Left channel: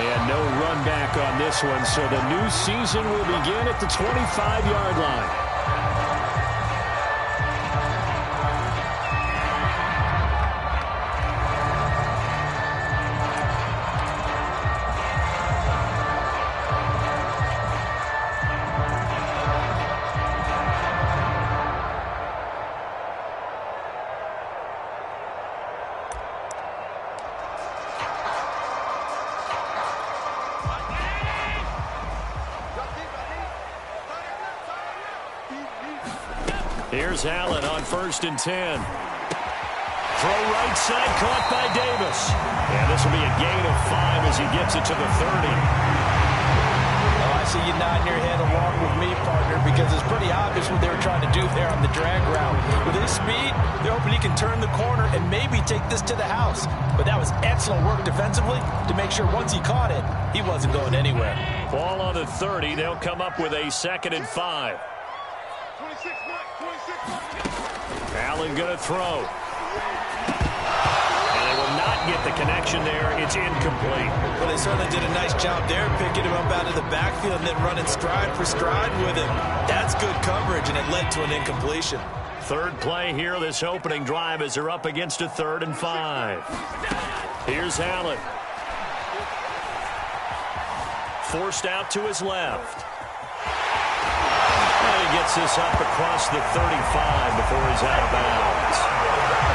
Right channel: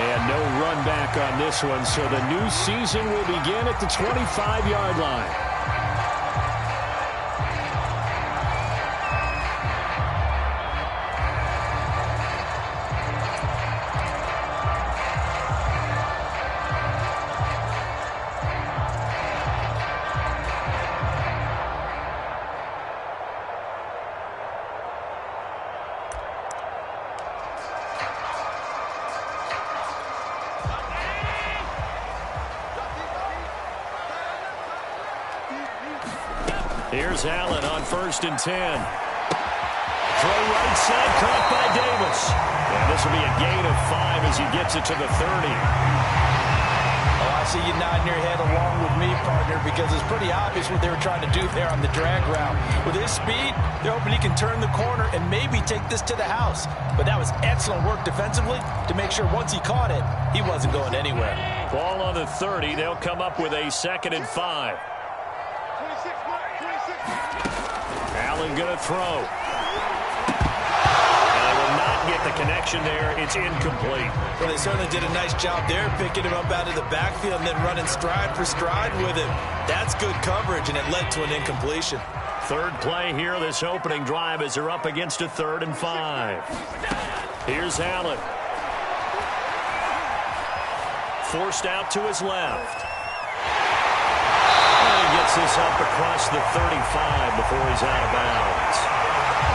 And no run back on this one, so the new season will begin at the 25-yard line. Here's Allen on 1st and 10. Throw right side, caught by Davis. And this will be a gain of 5 as he gets it to the 30. Oh, I see you nodding your head along with me, partner, because it's pretty obvious what they were trying to do there on the drag route. With his speed, they're hoping he can turn the corner and maybe take this to the house. But that was excellent work defensively to make sure once he caught it, he wasn't going anywhere. Ball on the 30. They'll come up with a 2nd and 5. Allen going to throw. And they will not get the connection there. It's incomplete. Well, they certainly did a nice job there, picking him up out of the backfield and then running stride for stride with him. That's good coverage, and it led to an incompletion. Third play here, this opening drive, as they're up against a 3rd and 5. Here's Allen. Forced out to his left. And he gets this up across the 35 before he's out of bounds.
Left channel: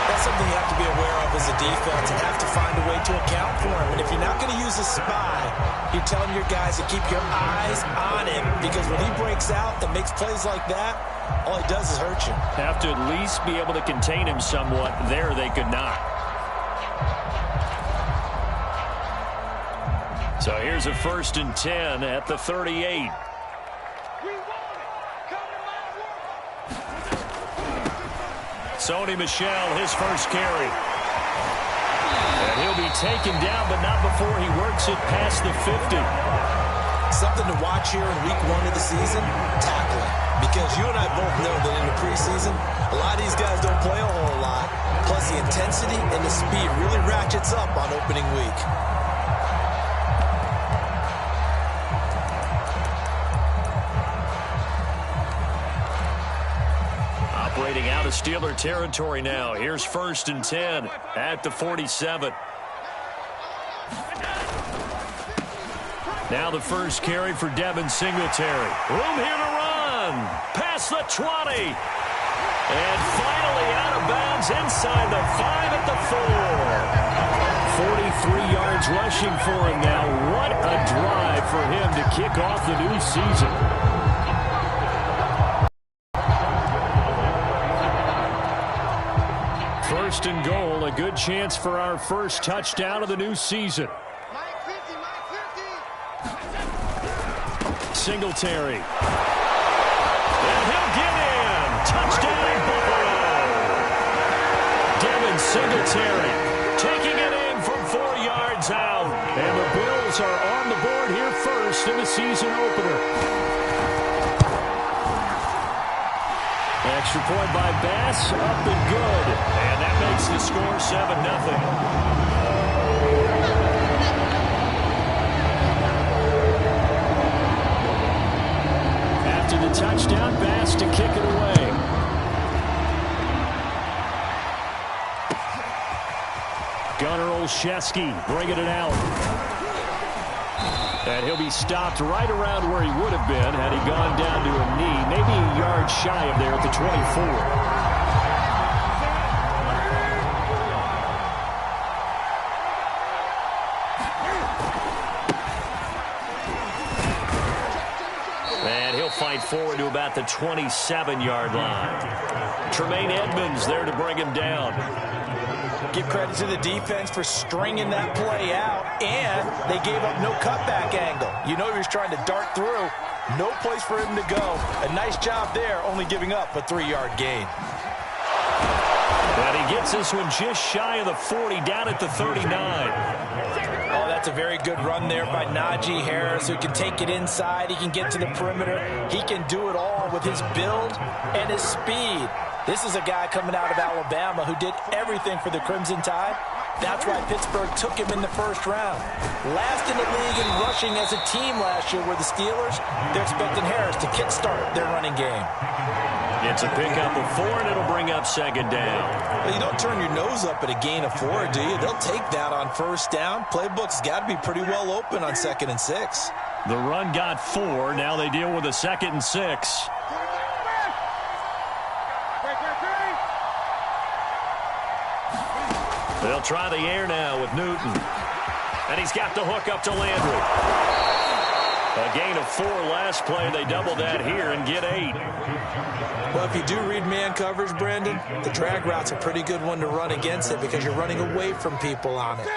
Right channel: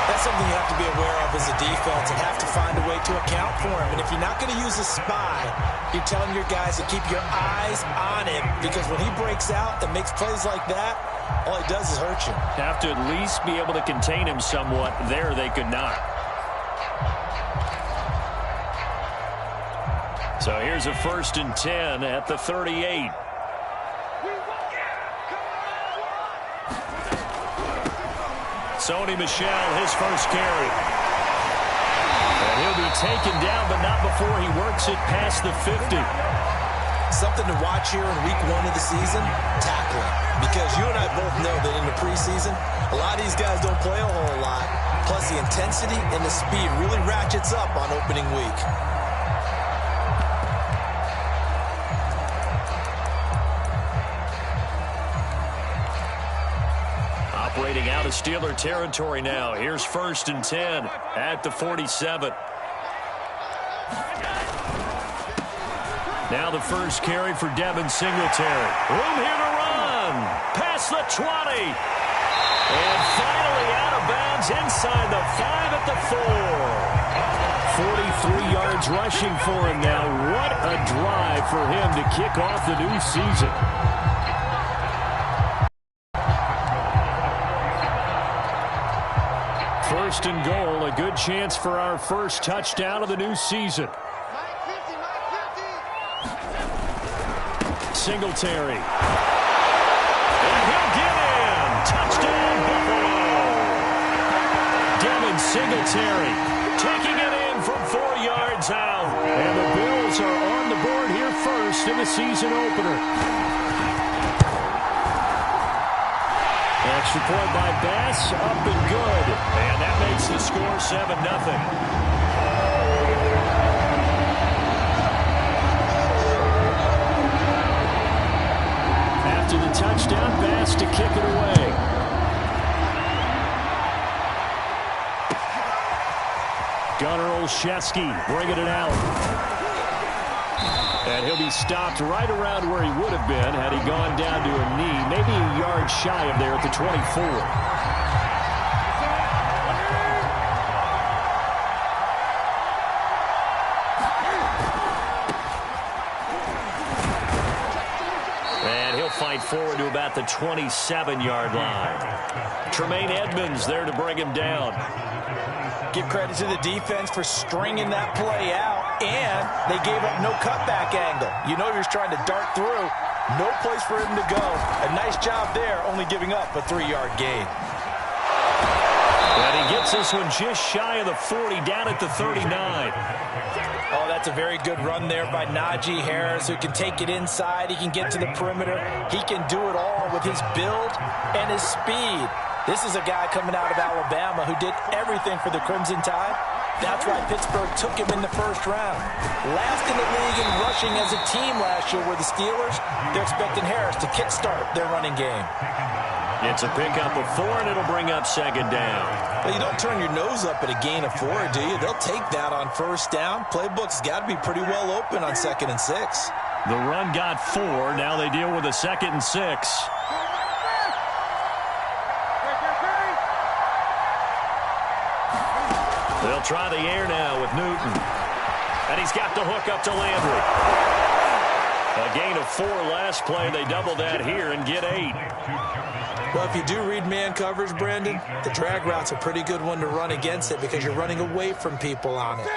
That's something you have to be aware of as a defense and have to find a way to account for him. And if you're not going to use a spy, you're telling your guys to keep your eyes on him, because when he breaks out and makes plays like that, all he does is hurt you. Have to at least be able to contain him somewhat. There they could not. So here's a 1st and 10 at the 38. Sony Michel, his first carry. And he'll be taken down, but not before he works it past the 50. Something to watch here in week 1 of the season, tackling. Because you and I both know that in the preseason, a lot of these guys don't play a whole lot. Plus the intensity and the speed really ratchets up on opening week. Operating out of Steeler territory now. Here's 1st and 10 at the 47. Now the first carry for Devin Singletary. Room here to run. Past the 20. And finally out of bounds inside the 5 at the 4. 43 yards rushing for him now. What a drive for him to kick off the new season. First and goal, a good chance for our first touchdown of the new season. Singletary. And he'll get in. Touchdown, Buffalo. Devin Singletary taking it in from 4 yards out. And the Bills are on the board here first in the season opener. Extra point by Bass, up and good. And that makes the score 7-0. After the touchdown, Bass to kick it away. Gunnar Olszewski bringing it out. And he'll be stopped right around where he would have been had he gone down to a knee, maybe a yard shy of there at the 24. And he'll fight forward to about the 27-yard line. Tremaine Edmonds there to bring him down. Give credit to the defense for stringing that play out, and they gave up no cutback angle. You know he was trying to dart through. No place for him to go. A nice job there, only giving up a 3-yard gain. And he gets this one just shy of the 40, down at the 39. Oh, that's a very good run there by Najee Harris, who can take it inside. He can get to the perimeter. He can do it all with his build and his speed. This is a guy coming out of Alabama who did everything for the Crimson Tide, That's why Pittsburgh took him in the first round. Last in the league in rushing as a team last year were the Steelers. They're expecting Harris to kickstart their running game. It's a pickup of 4, and it'll bring up second down. Well, you don't turn your nose up at a gain of 4, do you? They'll take that on first down. Playbook's got to be pretty well open on 2nd and 6. The run got 4. Now they deal with a 2nd and 6. They'll try the air now with Newton. And he's got the hook up to Landry. A gain of 4 last play. They double that here and get 8. Well, if you do read man coverage, Brandon, the drag route's a pretty good one to run against it because you're running away from people on it.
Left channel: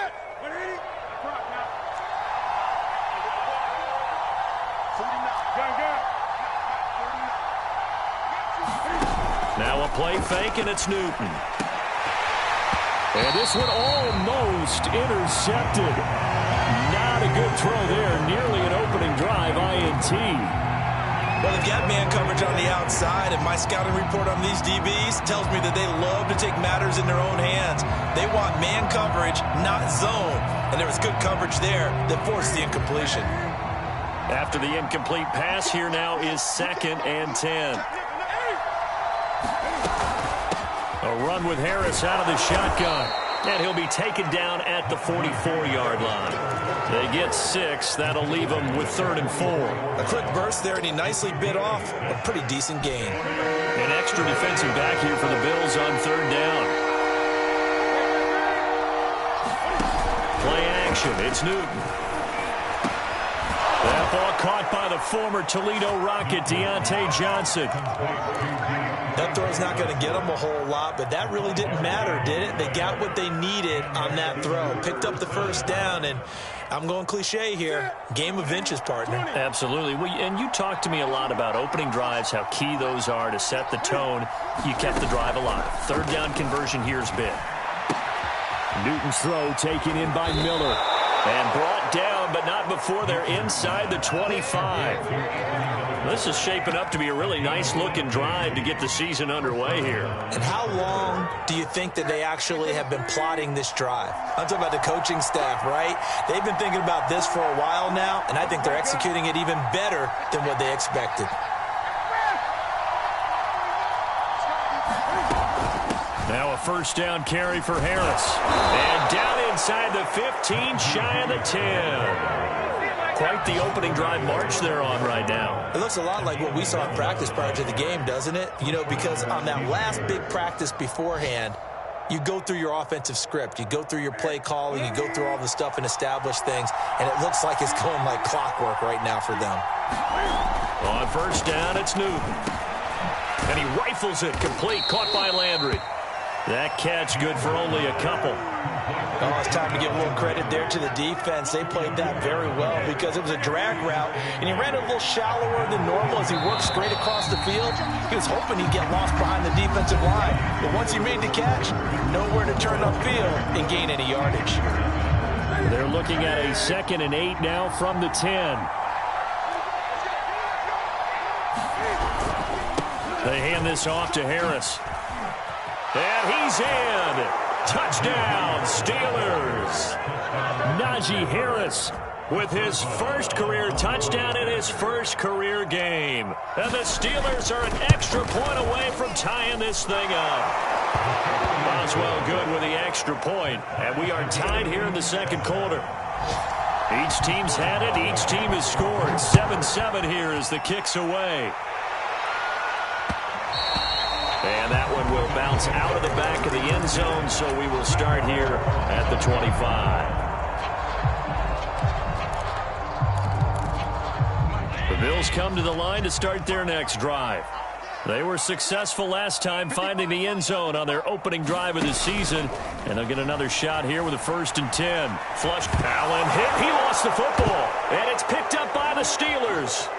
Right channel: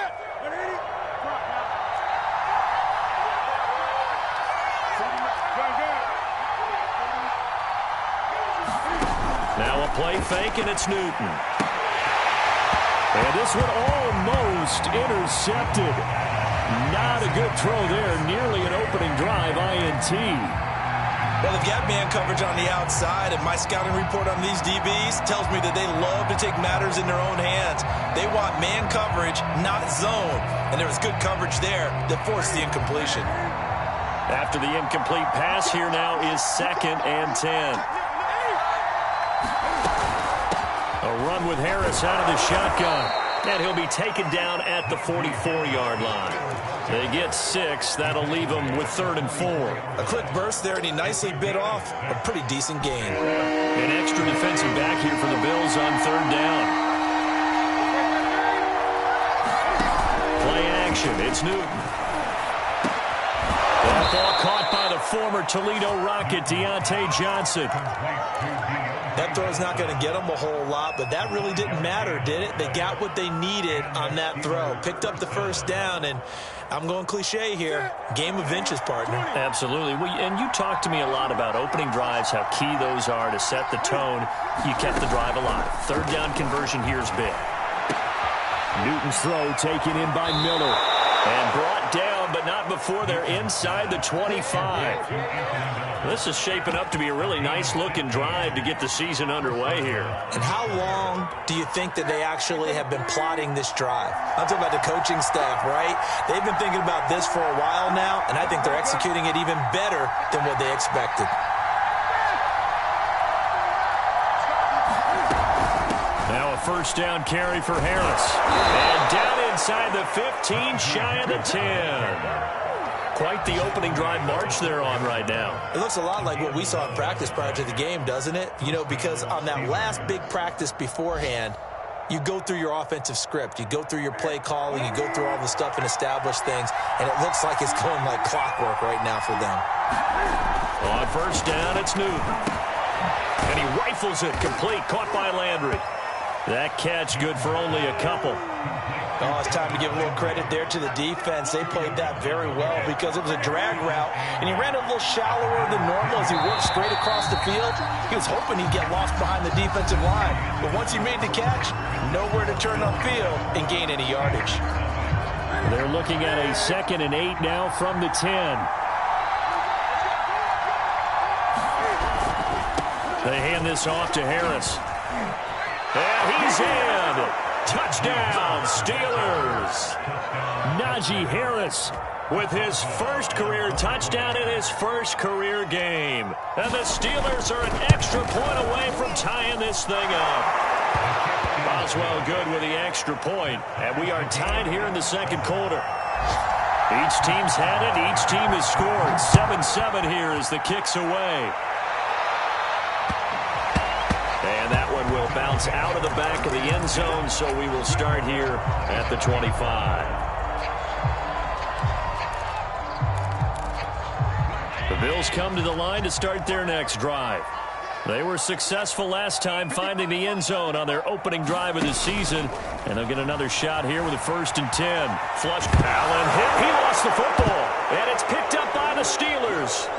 Now a play fake, and it's Newton. And this one almost intercepted. Not a good throw there. Nearly an opening drive, INT. Well, they've got man coverage on the outside, and my scouting report on these DBs tells me that they love to take matters in their own hands. They want man coverage, not zone. And there was good coverage there that forced the incompletion. After the incomplete pass, here now is 2nd and 10. A run with Harris out of the shotgun. And he'll be taken down at the 44-yard line. They get 6. That'll leave them with 3rd and 4. A quick burst there, and he nicely bit off a pretty decent gain. An extra defensive back here for the Bills on 3rd down. Play action. It's Newton. That ball caught by the former Toledo Rocket, Deontay Johnson. That throw's not going to get them a whole lot, but that really didn't matter, did it? They got what they needed on that throw. Picked up the first down, and I'm going cliche here. Game of inches, partner. Absolutely. And you talked to me a lot about opening drives, how key those are to set the tone. You kept the drive alive. 3rd down conversion here's big. Newton's throw taken in by Miller. And brought down, but not before they're inside the 25. This is shaping up to be a really nice-looking drive to get the season underway here. And how long do you think that they actually have been plotting this drive? I'm talking about the coaching staff, right? They've been thinking about this for a while now, and I think they're executing it even better than what they expected. Now a 1st down carry for Harris. And down inside the 15, shy of the 10. Quite the opening drive march they're on right now. It looks a lot like what we saw in practice prior to the game, doesn't it? You know, because on that last big practice beforehand, you go through your offensive script. You go through your play calling. You go through all the stuff and establish things. And it looks like it's going like clockwork right now for them. On 1st down, it's Newton. And he rifles it complete, caught by Landry. That catch good for only a couple. Oh, it's time to give a little credit there to the defense. They played that very well because it was a drag route, and he ran it a little shallower than normal as he worked straight across the field. He was hoping he'd get lost behind the defensive line, but once he made the catch, nowhere to turn upfield and gain any yardage. They're looking at a 2nd and 8 now from the 10. They hand this off to Harris. And he's in. Touchdown, Steelers. Najee Harris with his first career touchdown in his first career game. And the Steelers are an extra point away from tying this thing up. Boswell good with the extra point. And we are tied here in the 2nd quarter. Each team's had it. Each team has scored. 7-7 here as the kick's away. And that one will bounce out of the back of the end zone, so we will start here at the 25. The Bills come to the line to start their next drive. They were successful last time finding the end zone on their opening drive of the season, and they'll get another shot here with a 1st and 10. Flush. Allen hit. He lost the football, and it's picked up by the Steelers.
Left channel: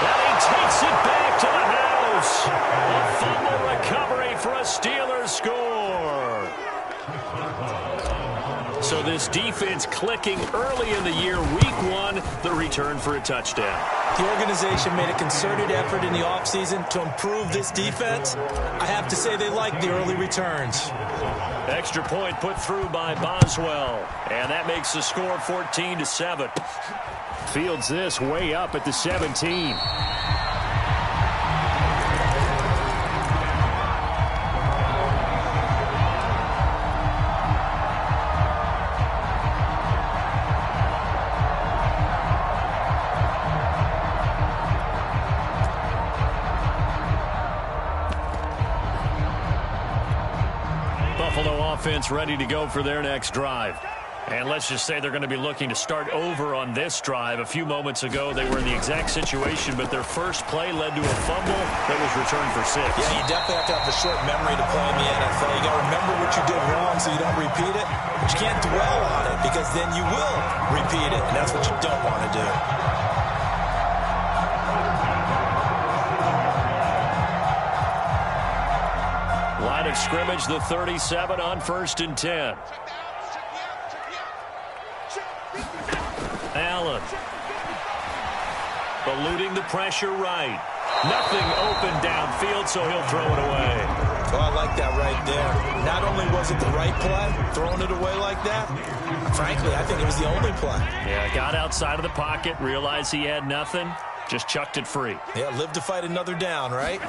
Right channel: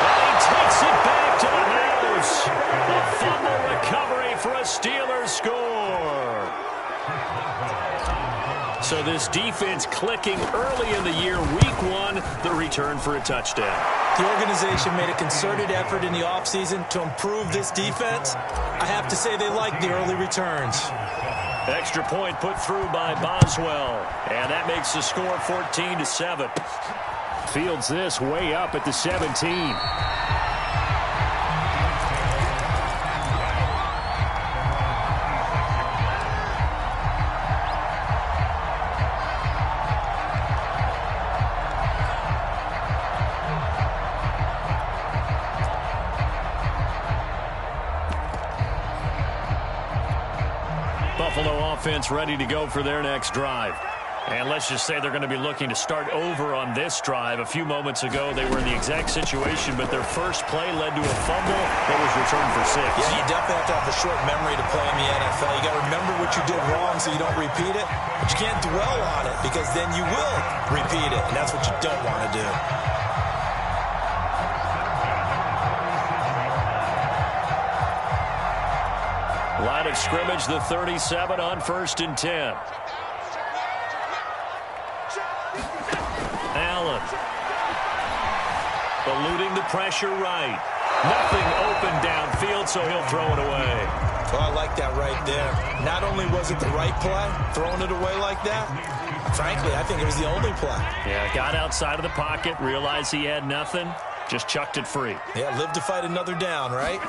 And he takes it back to the house. A fumble recovery for a Steelers score. So this defense clicking early in the year. Week 1, the return for a touchdown. The organization made a concerted effort in the offseason to improve this defense. I have to say they like the early returns. Extra point put through by Boswell. And that makes the score 14-7. Fields this way up at the 17. Buffalo offense ready to go for their next drive. And let's just say they're going to be looking to start over on this drive. A few moments ago, they were in the exact situation, but their first play led to a fumble that was returned for 6. Yeah, you definitely have to have a short memory to play in the NFL. You got to remember what you did wrong so you don't repeat it, but you can't dwell on it because then you will repeat it, and that's what you don't want to do. Line of scrimmage, the 37 on 1st and 10. Allen. Eluding the pressure right. Nothing open downfield, so he'll throw it away. Oh, I like that right there. Not only was it the right play, throwing it away like that, frankly, I think it was the only play. Yeah, got outside of the pocket, realized he had nothing, just chucked it free. Yeah, live to fight another down, right?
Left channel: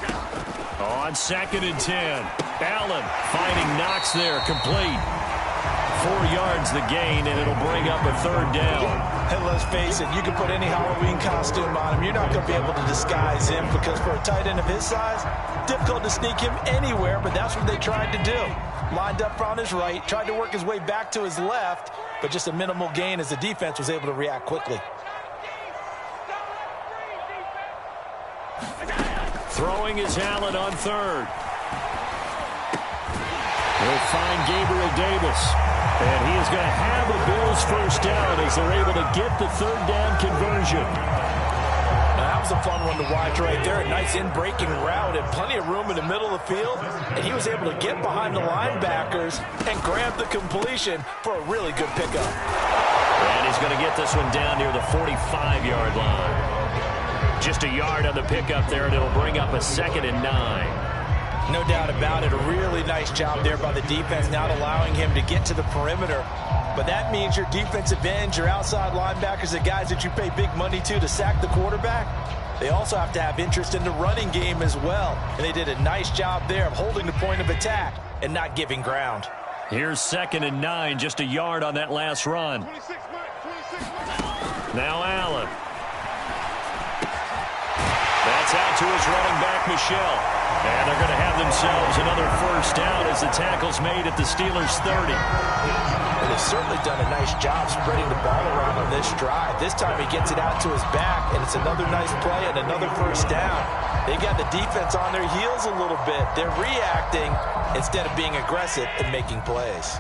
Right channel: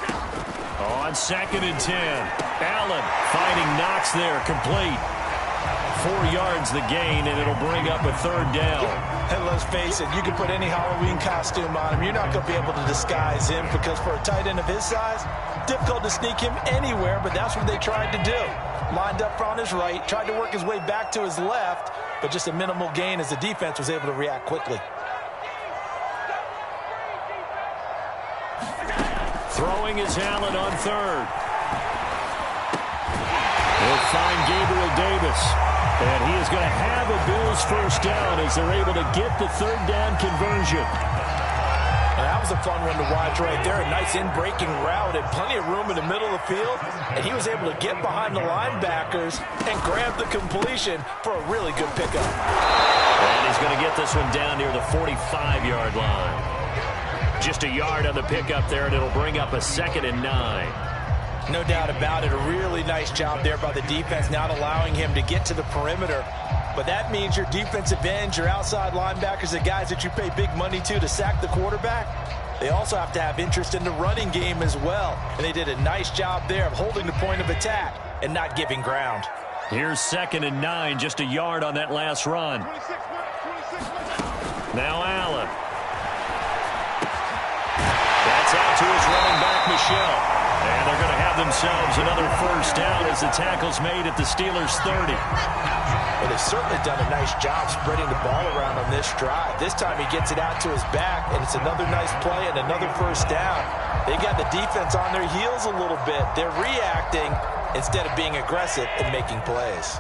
On 2nd and 10. Allen finding Knox there, complete. 4 yards the gain, and it'll bring up a 3rd down. And let's face it, you can put any Halloween costume on him. You're not going to be able to disguise him because for a tight end of his size, difficult to sneak him anywhere, but that's what they tried to do. Lined up on his right, tried to work his way back to his left, but just a minimal gain as the defense was able to react quickly. Throwing is Allen on 3rd. He'll find Gabriel Davis. And he is going to have a Bills first down as they're able to get the 3rd down conversion. Now, that was a fun one to watch right there. A nice in-breaking route and plenty of room in the middle of the field. And he was able to get behind the linebackers and grab the completion for a really good pickup. And he's going to get this one down near the 45-yard line. Just a yard on the pickup there, and it'll bring up a 2nd and 9. No doubt about it. A really nice job there by the defense, not allowing him to get to the perimeter. But that means your defensive ends, your outside linebackers, the guys that you pay big money to sack the quarterback, they also have to have interest in the running game as well. And they did a nice job there of holding the point of attack and not giving ground. Here's 2nd and 9, just a yard on that last run. Now Allen. That's out to his running back, Michel. And they're going to have themselves another first down as the tackle's made at the Steelers' 30. Well, they've certainly done a nice job spreading the ball around on this drive. This time he gets it out to his back, and it's another nice play and another first down. They got the defense on their heels a little bit. They're reacting instead of being aggressive and making plays.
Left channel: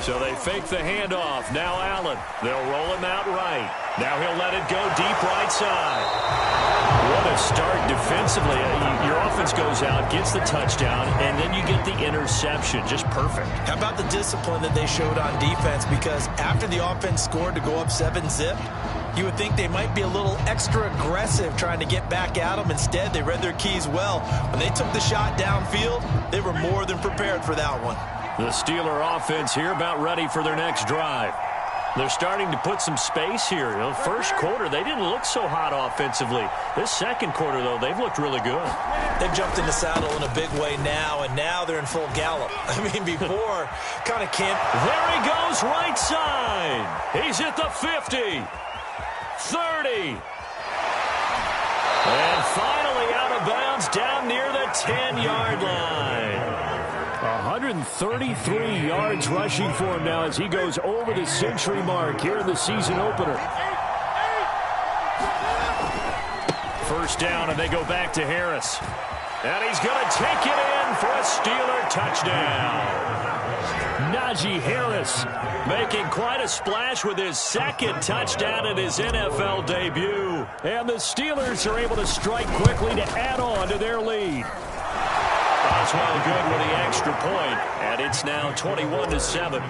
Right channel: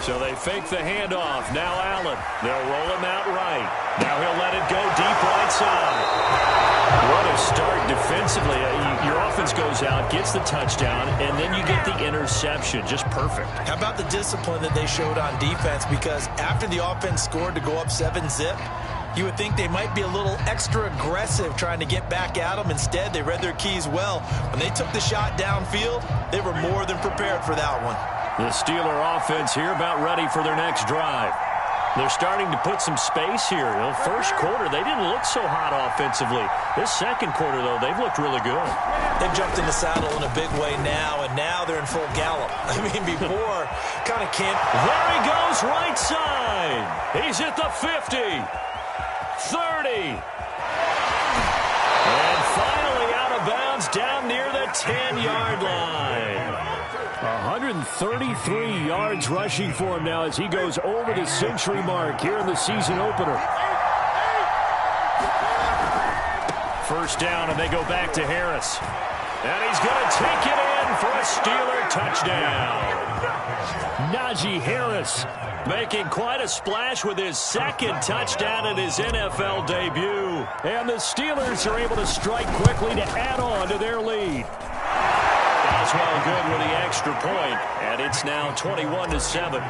So they fake the handoff. Now Allen. They'll roll him out right. Now he'll let it go deep right side. What a start defensively. Your offense goes out, gets the touchdown, and then you get the interception. Just perfect. How about the discipline that they showed on defense? Because after the offense scored to go up 7-zip, you would think they might be a little extra aggressive trying to get back at them. Instead, they read their keys well. When they took the shot downfield, they were more than prepared for that one. The Steeler offense here about ready for their next drive. They're starting to put some space here. You know, first quarter, they didn't look so hot offensively. This second quarter, though, they've looked really good. They've jumped in the saddle in a big way now, and now they're in full gallop. I mean, before, kind of can't. There he goes, right side. He's at the 50, 30. And finally out of bounds down near the 10-yard line. 133 yards rushing for him now as he goes over the century mark here in the season opener. First down, and they go back to Harris. And he's going to take it in for a Steeler touchdown. Najee Harris making quite a splash with his second touchdown in his NFL debut. And the Steelers are able to strike quickly to add on to their lead. Boswell good with the extra point, and it's now 21-7.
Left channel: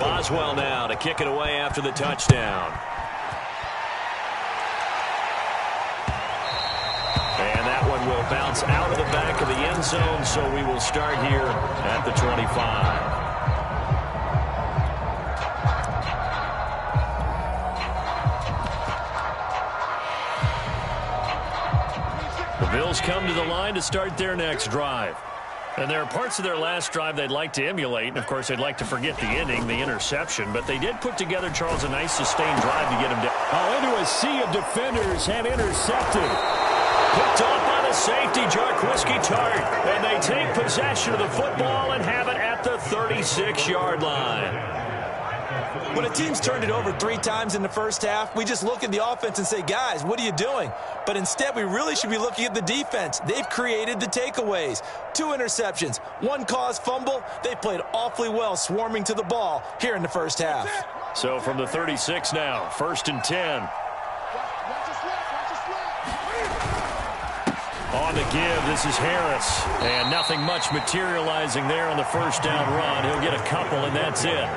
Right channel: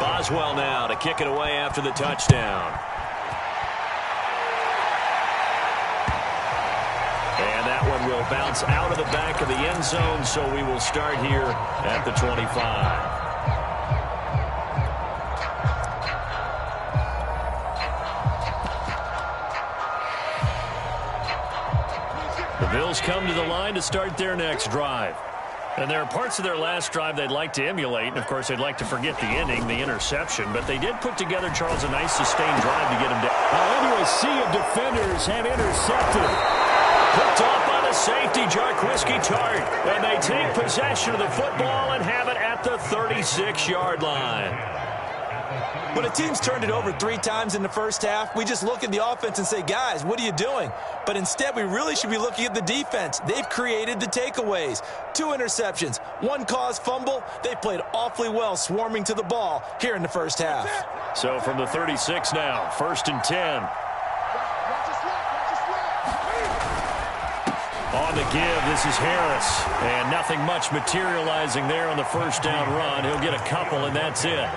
Boswell now to kick it away after the touchdown. And that one will bounce out of the back of the end zone, so we will start here at the 25. The Bills come to the line to start their next drive. And there are parts of their last drive they'd like to emulate. And, of course, they'd like to forget the ending, the interception. But they did put together, Charles, a nice sustained drive to get him down. Into a sea of defenders and intercepted. Picked off by the safety, Jarquiski Tart. And they take possession of the football and have it at the 36-yard line. When a team's turned it over 3 times in the first half, we just look at the offense and say, guys, what are you doing? But instead, we really should be looking at the defense. They've created the takeaways. 2 interceptions, 1 caused fumble. They played awfully well swarming to the ball here in the first half. So from the 36 now, 1st and 10. On the give, this is Harris. And nothing much materializing there on the first down run. He'll get a couple, and that's it.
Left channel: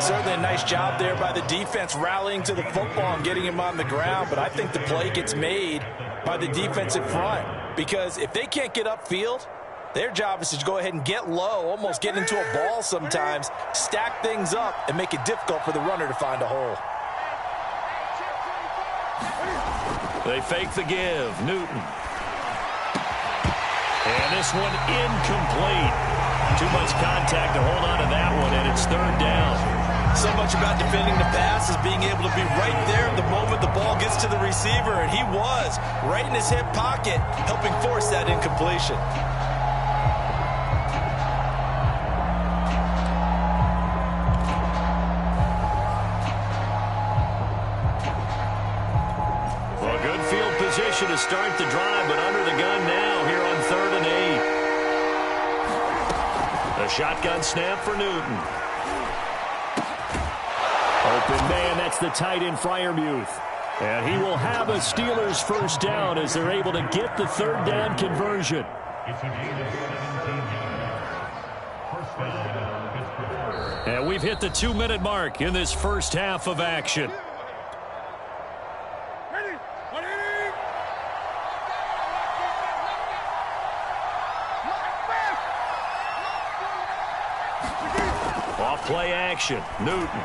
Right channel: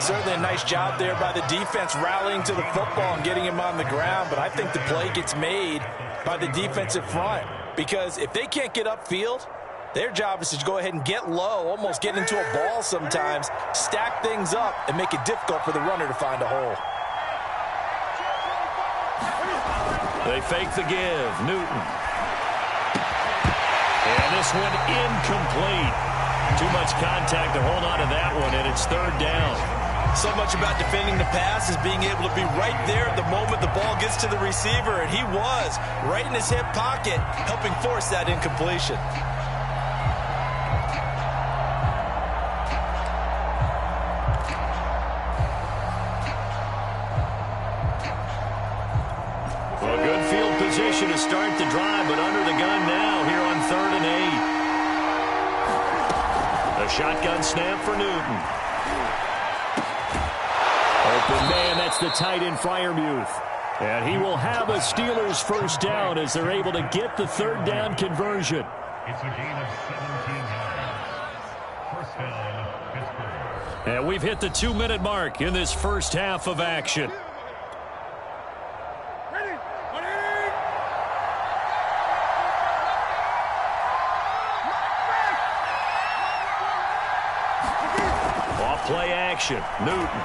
Certainly a nice job there by the defense rallying to the football and getting him on the ground, but I think the play gets made by the defensive front because if they can't get upfield, their job is to go ahead and get low, almost get into a ball sometimes, stack things up, and make it difficult for the runner to find a hole. They fake the give. Newton. And this one incomplete. Too much contact to hold on to that one, and it's 3rd down. So much about defending the pass is being able to be right there at the moment the ball gets to the receiver, and he was right in his hip pocket, helping force that incompletion. Well, good field position to start the drive, but under the gun now here on 3rd and 8. A shotgun snap for Newton. Open man, that's the tight end Freiermuth. And he will have a Steelers first down as they're able to get the 3rd down conversion. It's a gain of 17 yards. First down, Pittsburgh. And we've hit the 2-minute mark in this first half of action. Off play action, Newton.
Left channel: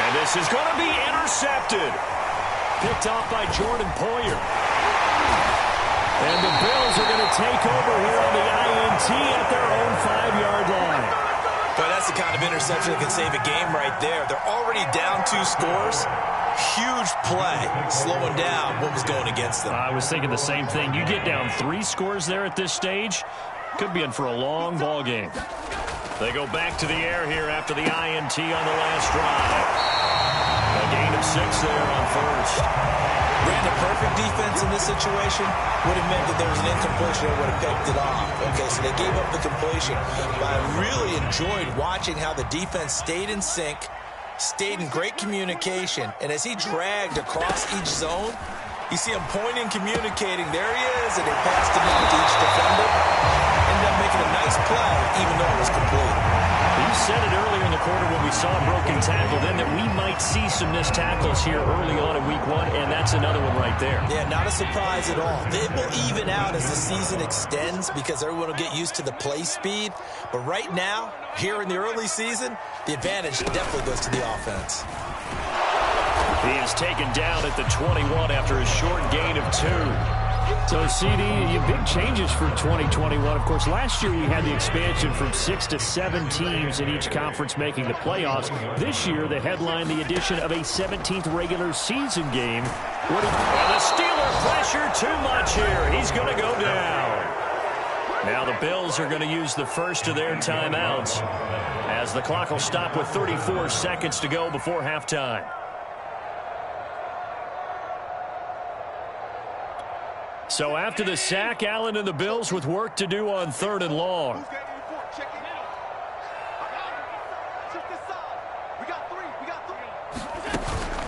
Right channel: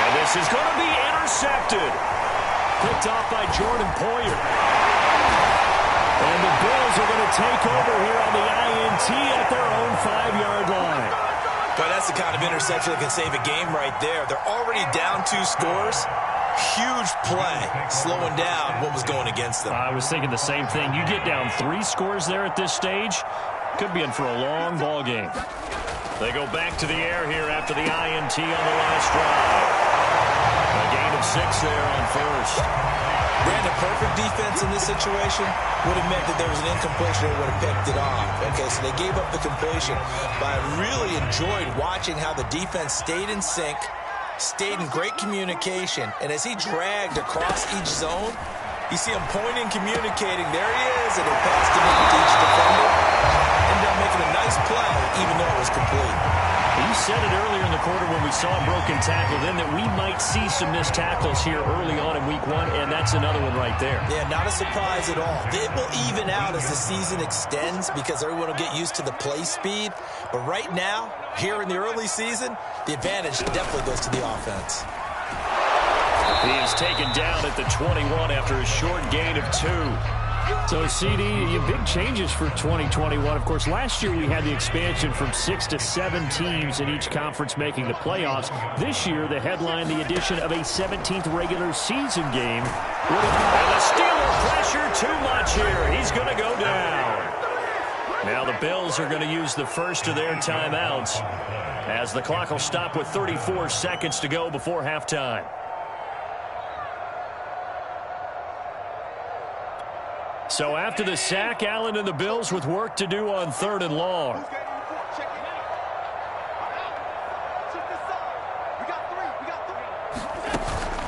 And this is going to be intercepted. Picked off by Jordan Poyer. And the Bills are going to take over here on the INT at their own 5-yard line. But that's the kind of interception that can save a game right there. They're already down 2 scores. Huge play, slowing down what was going against them. I was thinking the same thing. You get down 3 scores there at this stage, could be in for a long ball game. They go back to the air here after the INT on the last drive. A gain of 6 there on first. Brandon, perfect defense in this situation would have meant that there was an incompletion and would have picked it off. Okay, so they gave up the completion. But I really enjoyed watching how the defense stayed in sync, stayed in great communication, and as he dragged across each zone, you see him pointing, communicating. There he is, and they passed him into each defender. Ended up making a nice play, even though it was complete. You said it earlier in the quarter when we saw a broken tackle, then that we might see some missed tackles here early on in week 1, and that's another one right there. Yeah, not a surprise at all. It will even out as the season extends because everyone will get used to the play speed. But right now, here in the early season, the advantage definitely goes to the offense. He is taken down at the 21 after a short gain of 2. So, CD, big changes for 2021. Of course, last year we had the expansion from 6 to 7 teams in each conference making the playoffs. This year, the headline, the addition of a 17th regular season game. And the Steeler pressure too much here. He's going to go down. Now the Bills are going to use the first of their timeouts as the clock will stop with 34 seconds to go before halftime. So after the sack, Allen and the Bills with work to do on 3rd and long.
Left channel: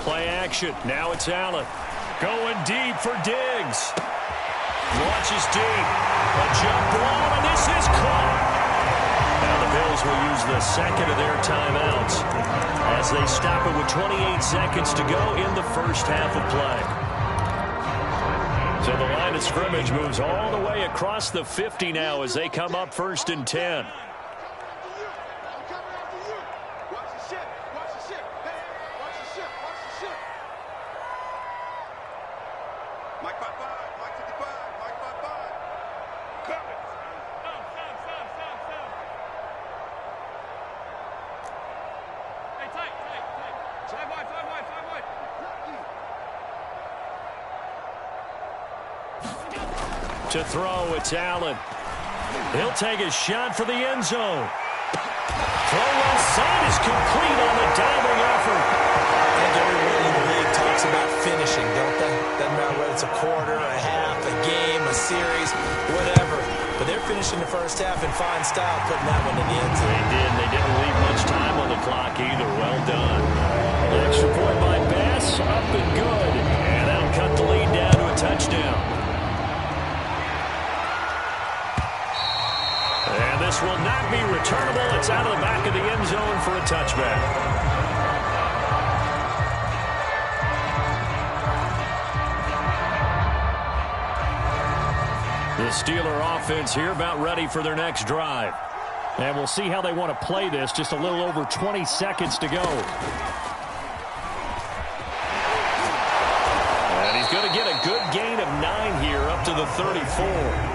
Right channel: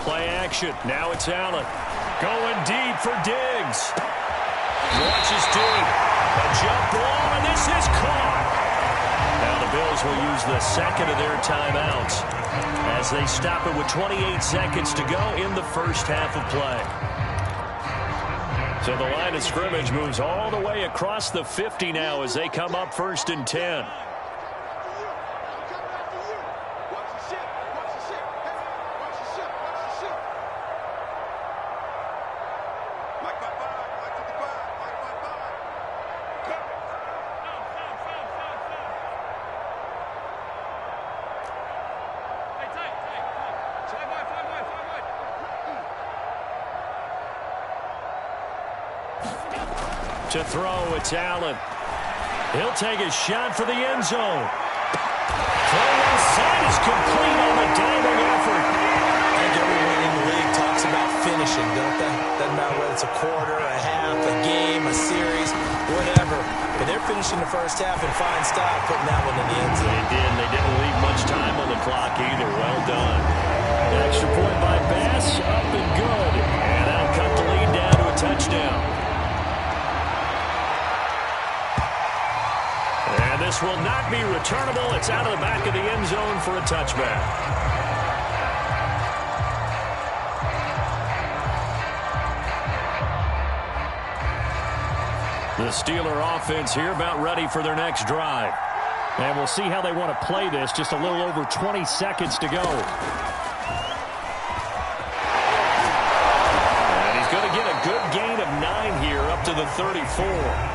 Play action. Now it's Allen. Going deep for Diggs. Launches deep. A jump ball, and this is caught. Now the Bills will use the second of their timeouts as they stop it with 28 seconds to go in the first half of play. So the line of scrimmage moves all the way across the 50 now as they come up 1st and 10. To throw, it's Allen. He'll take a shot for the end zone. Throw inside is complete on the diving effort. I think everyone in the league talks about finishing, don't they? Doesn't matter whether it's a quarter, a half, a game, a series, whatever. But they're finishing the first half in fine style, putting that one in the end zone. They did. They didn't leave much time on the clock either. Well done. Extra point by Bass, up and good. And that'll cut the lead down to a touchdown. And this will not be returnable. It's out of the back of the end zone for a touchback. The Steeler offense here about ready for their next drive. And we'll see how they want to play this. Just a little over 20 seconds to go. And he's going to get a good gain of 9 here up to the 34.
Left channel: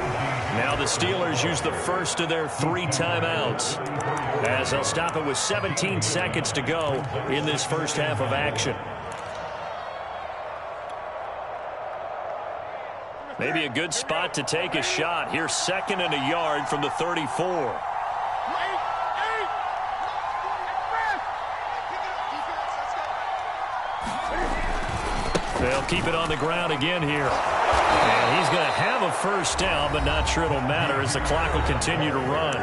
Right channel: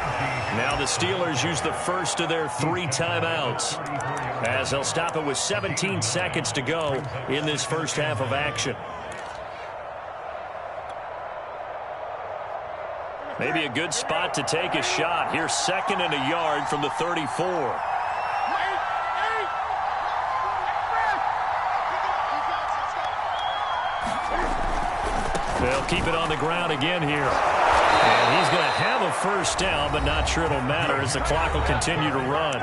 Now the Steelers use the first of their 3 timeouts as they'll stop it with 17 seconds to go in this first half of action. Maybe a good spot to take a shot. Here's 2nd and a yard from the 34. They'll keep it on the ground again here. And he's going to have a first down, but not sure it'll matter as the clock will continue to run.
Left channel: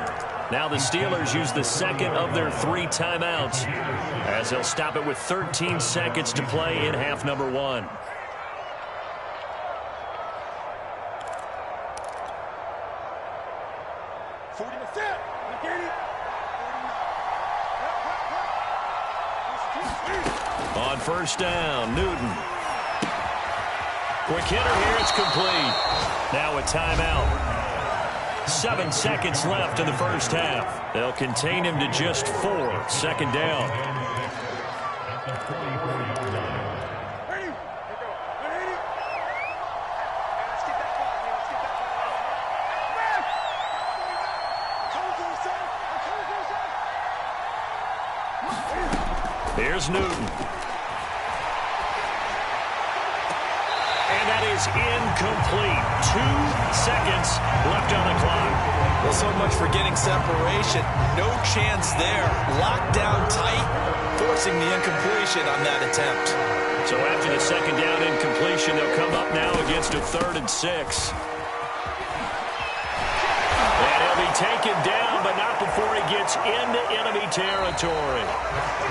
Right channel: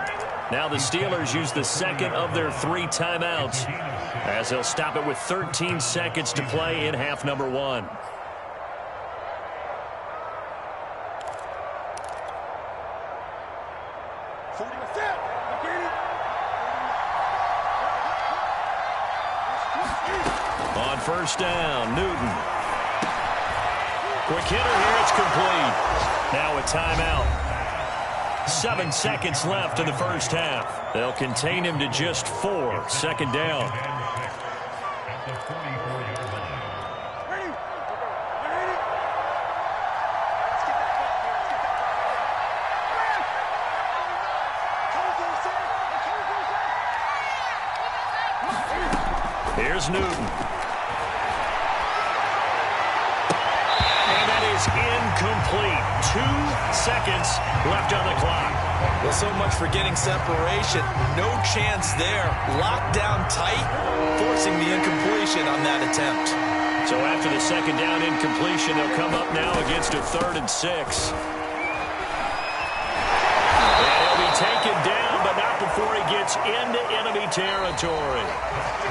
Now the Steelers use the second of their 3 timeouts as they'll stop it with 13 seconds to play in half number 1. On first down, Newton. Quick hitter here, it's complete. Now a timeout. 7 seconds left in the first half. They'll contain him to just 4. 2nd down. At the 44-yard line. Here's Newton. And that is incomplete. 2 seconds left on the clock. Well, so much for getting separation. No chance there. Locked down tight, forcing the incompletion on that attempt. So after the 2nd down incompletion, they'll come up now against a 3rd and 6. And he'll be taken down, but not before he gets into enemy territory.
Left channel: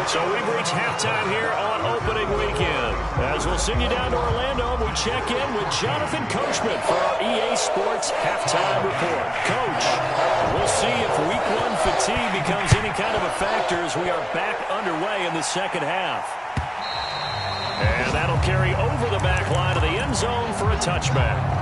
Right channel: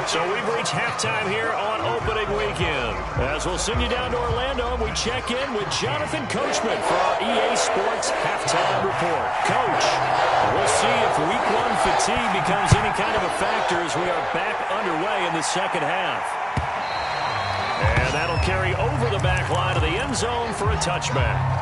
So we've reached halftime here on opening weekend. As we'll send you down to Orlando, we check in with Jonathan Coachman for our EA Sports Halftime Report. Coach, we'll see if Week 1 fatigue becomes any kind of a factor as we are back underway in the second half. And that'll carry over the back line of the end zone for a touchback.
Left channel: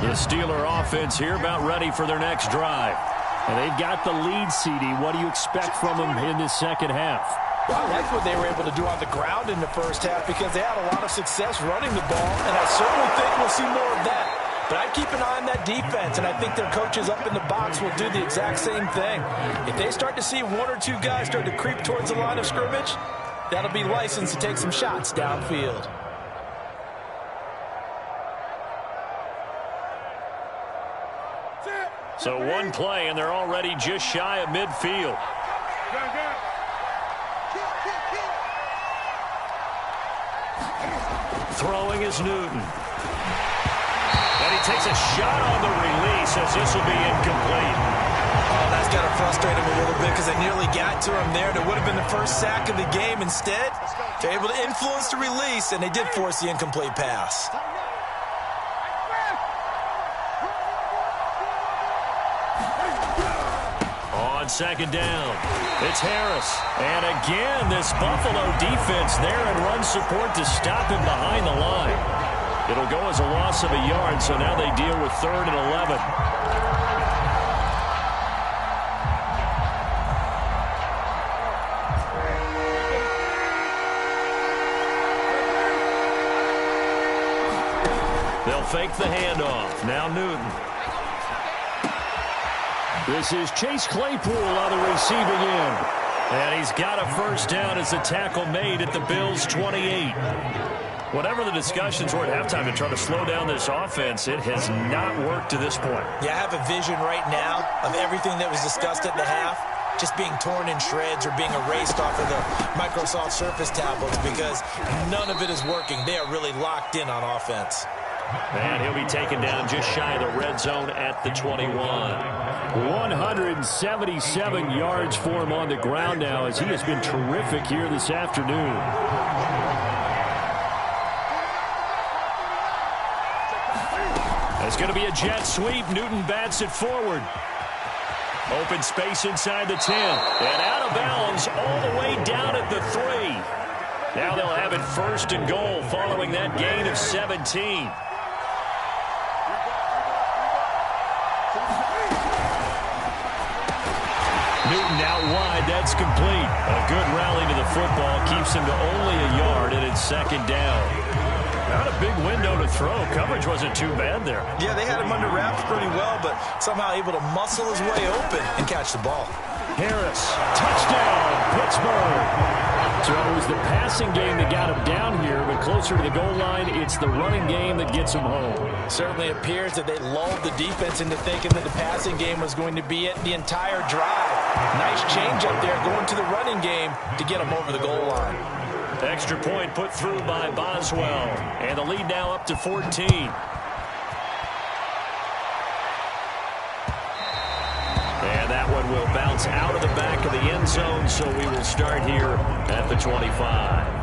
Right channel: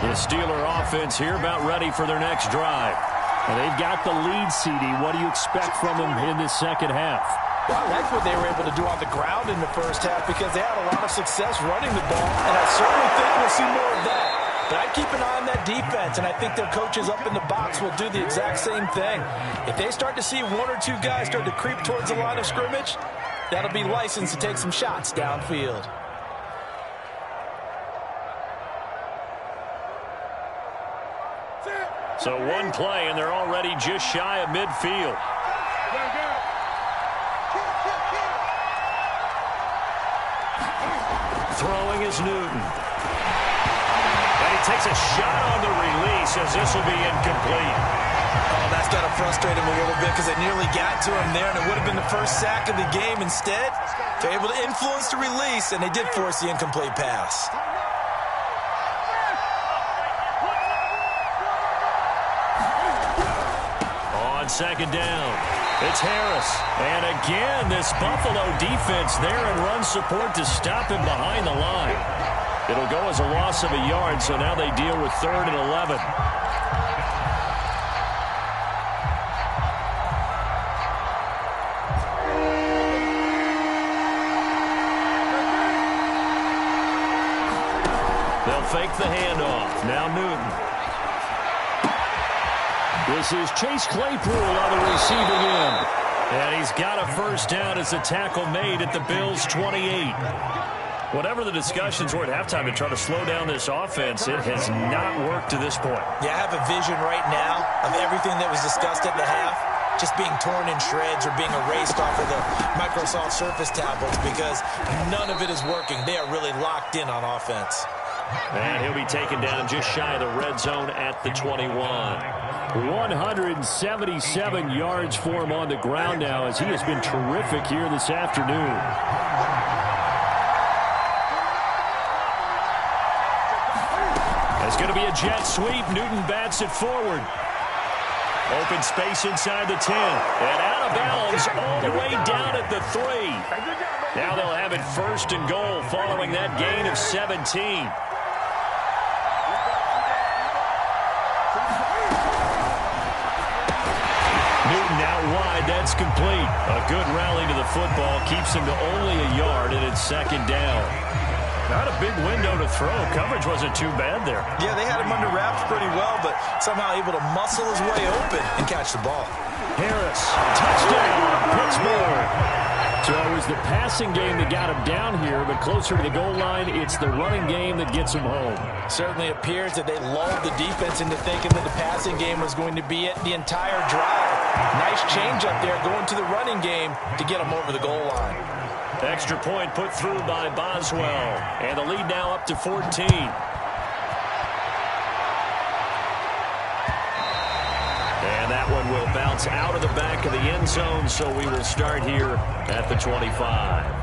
The Steeler offense here about ready for their next drive. And they've got the lead, CD. What do you expect from them in this second half? Well, I like what they were able to do on the ground in the first half because they had a lot of success running the ball, and I certainly think we'll see more of that. But I'd keep an eye on that defense, and I think their coaches up in the box will do the exact same thing. If they start to see 1 or 2 guys start to creep towards the line of scrimmage, that'll be licensed to take some shots downfield. So 1 play, and they're already just shy of midfield. Throwing is Newton. And he takes a shot on the release as this will be incomplete. Oh, that's got to frustrate him a little bit because they nearly got to him there, and it would have been the first sack of the game. Instead, they're able to influence the release, and they did force the incomplete pass. On second down, it's Harris. And again, this Buffalo defense there in run support to stop him behind the line. It'll go as a loss of a yard, so now they deal with 3rd and 11. They'll fake the handoff. Now Newton. This is Chase Claypool on the receiving end. And he's got a first down as the tackle made at the Bills' 28. Whatever the discussions were at halftime to try to slow down this offense, it has not worked to this point. Yeah, I have a vision right now of everything that was discussed at the half just being torn in shreds or being erased off of the Microsoft Surface tablets because none of it is working. They are really locked in on offense. And he'll be taken down just shy of the red zone at the 21. 177 yards for him on the ground now as he has been terrific here this afternoon. It's going to be a jet sweep. Newton bats it forward. Open space inside the 10. And out of bounds all the way down at the 3. Now they'll have it 1st and goal following that gain of 17. Newton out wide. That's complete. A good rally to the football. Keeps him to only a yard, and it's 2nd down. Not a big window to throw. Coverage wasn't too bad there. Yeah, they had him under wraps pretty well, but somehow able to muscle his way open and catch the ball. Harris, touchdown, Pittsburgh. So it was the passing game that got him down here, but closer to the goal line, it's the running game that gets him home. Certainly appears that they lulled the defense into thinking that the passing game was going to be it the entire drive. Nice change up there going to the running game to get him over the goal line. Extra point put through by Boswell. And the lead now up to 14. And that one will bounce out of the back of the end zone, so we will start here at the 25.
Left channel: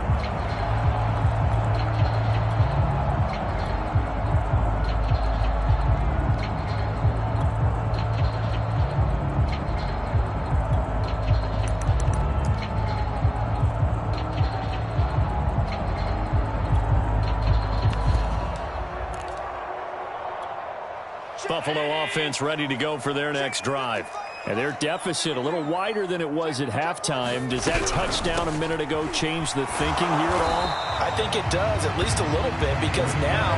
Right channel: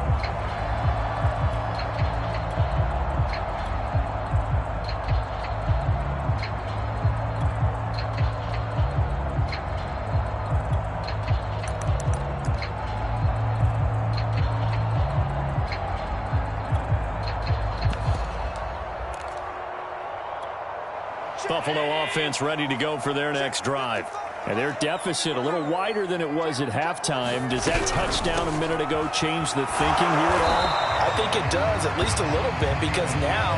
Buffalo offense ready to go for their next drive. And their deficit a little wider than it was at halftime. Does that touchdown a minute ago change the thinking here at all? I think it does, at least a little bit, because now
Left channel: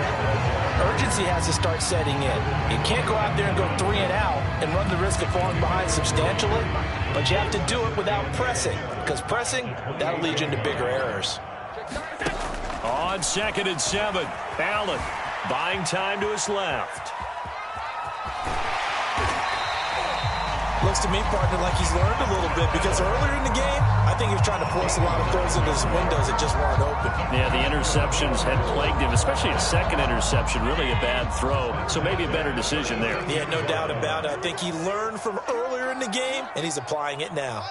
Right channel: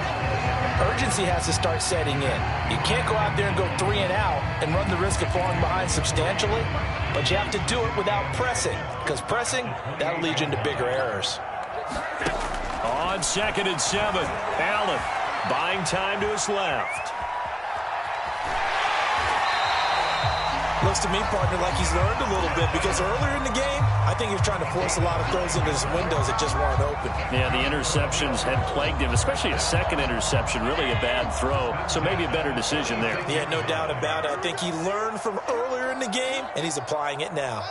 urgency has to start setting in. You can't go out there and go 3 and out and run the risk of falling behind substantially, but you have to do it without pressing, because pressing, that'll lead you into bigger errors. On 2nd and 7, Allen buying time to his left. Looks to me, partner, like he's learned a little bit because earlier in the game, I think he was trying to force a lot of throws into his windows that just weren't open. Yeah, the interceptions had plagued him, especially a second interception, really a bad throw. So maybe a better decision there. Yeah, no doubt about it. I think he learned from earlier in the game, and he's applying it now.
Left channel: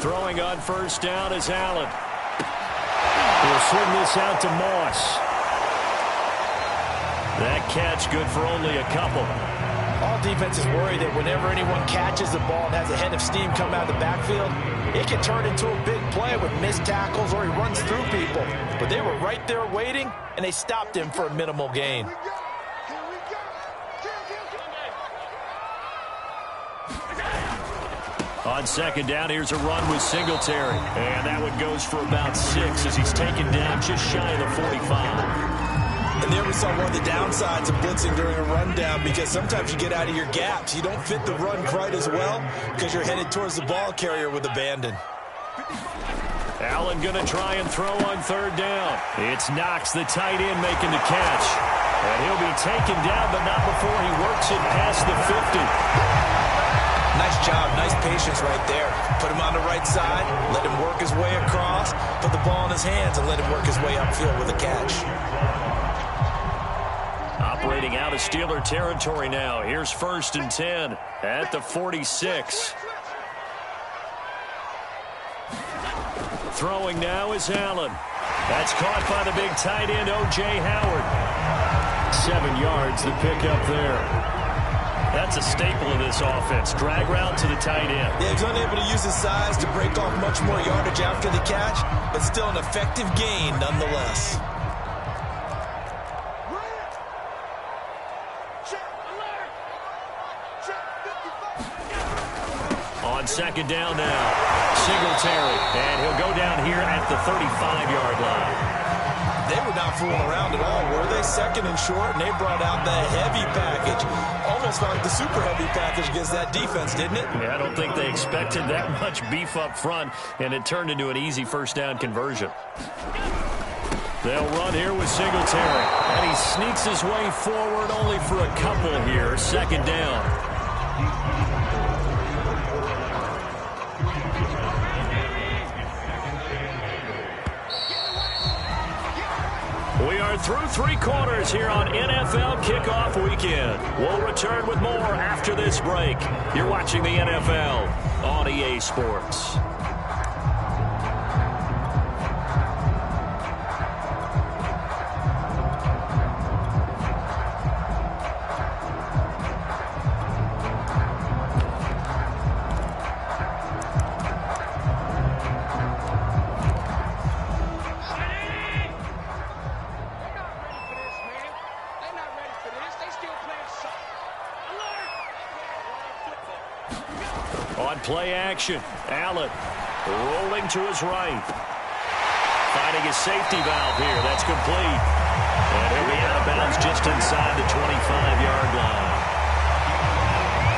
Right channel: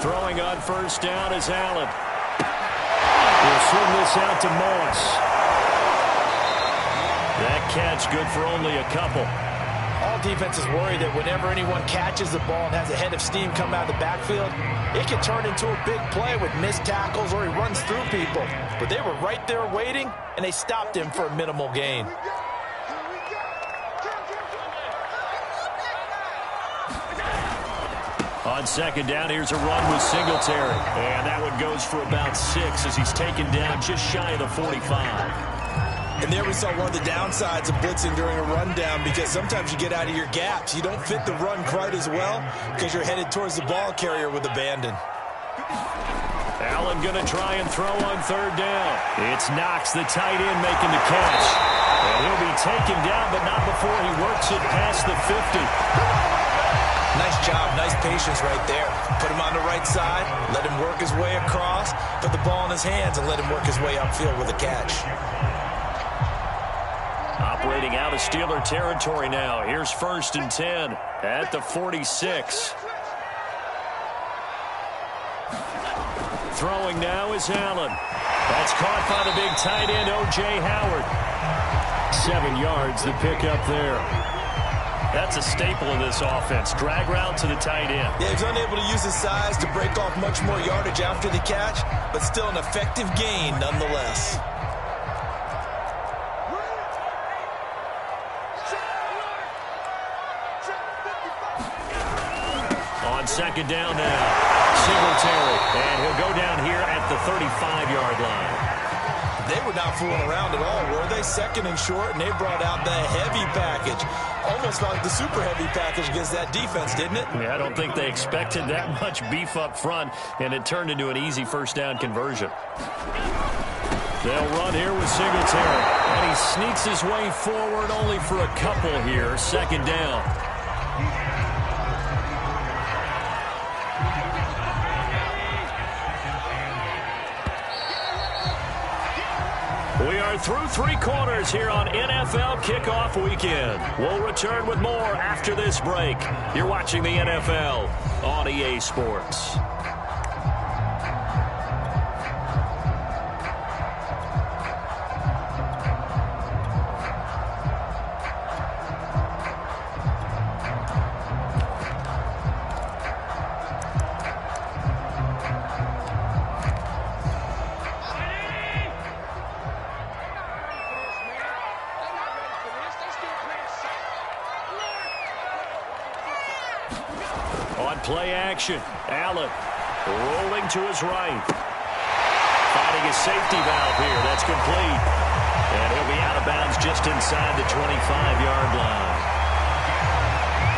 Throwing on 1st down is Allen. He'll swing this out to Moss. That catch good for only a couple. All defenses worry that whenever anyone catches the ball and has a head of steam come out of the backfield, it can turn into a big play with missed tackles or he runs through people. But they were right there waiting, and they stopped him for a minimal gain. On 2nd down, here's a run with Singletary. And that one goes for about 6 as he's taken down just shy of the 45. And there we saw one of the downsides of blitzing during a rundown because sometimes you get out of your gaps. You don't fit the run quite as well because you're headed towards the ball carrier with abandon. Allen going to try and throw on 3rd down. It's Knox, the tight end, making the catch. And he'll be taken down, but not before he works it past the 50. Nice job, nice patience right there. Put him on the right side, let him work his way across, put the ball in his hands, and let him work his way upfield with a catch. Operating heading out of Steeler territory now. Here's 1st and 10 at the 46. Throwing now is Allen. That's caught by the big tight end, O.J. Howard. 7 yards, the pickup there. That's a staple of this offense. Drag route to the tight end. Yeah, he's unable to use his size to break off much more yardage after the catch, but still an effective gain nonetheless. On 2nd down now, Singletary, and he'll go down here at the 35-yard line. They were not fooling around at all, were they? 2nd and short, and they brought out the heavy package. Almost like the super heavy package against that defense, didn't it? Yeah, I don't think they expected that much beef up front, and it turned into an easy 1st down conversion. They'll run here with Singletary, and he sneaks his way forward only for a couple here. 2nd down. We are through 3 quarters here on NFL Kickoff Weekend. We'll return with more after this break. You're watching the NFL on EA Sports. On play action, Allen rolling to his right. Finding his safety valve here. That's complete. And he'll be out of bounds just inside the 25-yard line.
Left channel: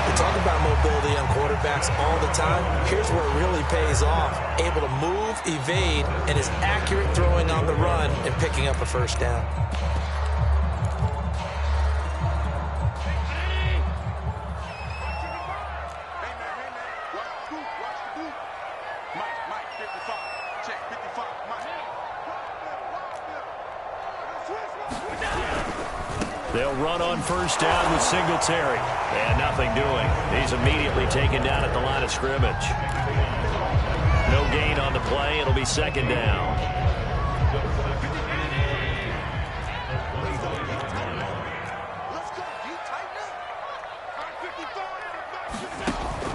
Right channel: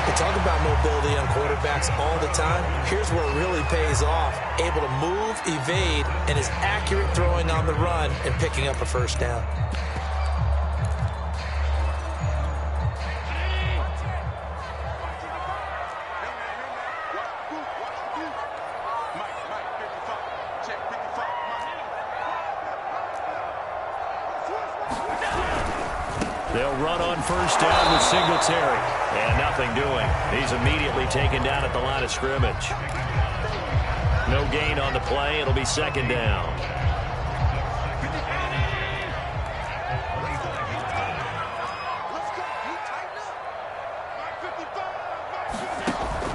We talk about mobility on quarterbacks all the time. Here's where it really pays off. Able to move, evade, and is accurate throwing on the run and picking up a 1st down. They'll run on 1st down with Singletary. And nothing doing. He's immediately taken down at the line of scrimmage. No gain on the play. It'll be 2nd down.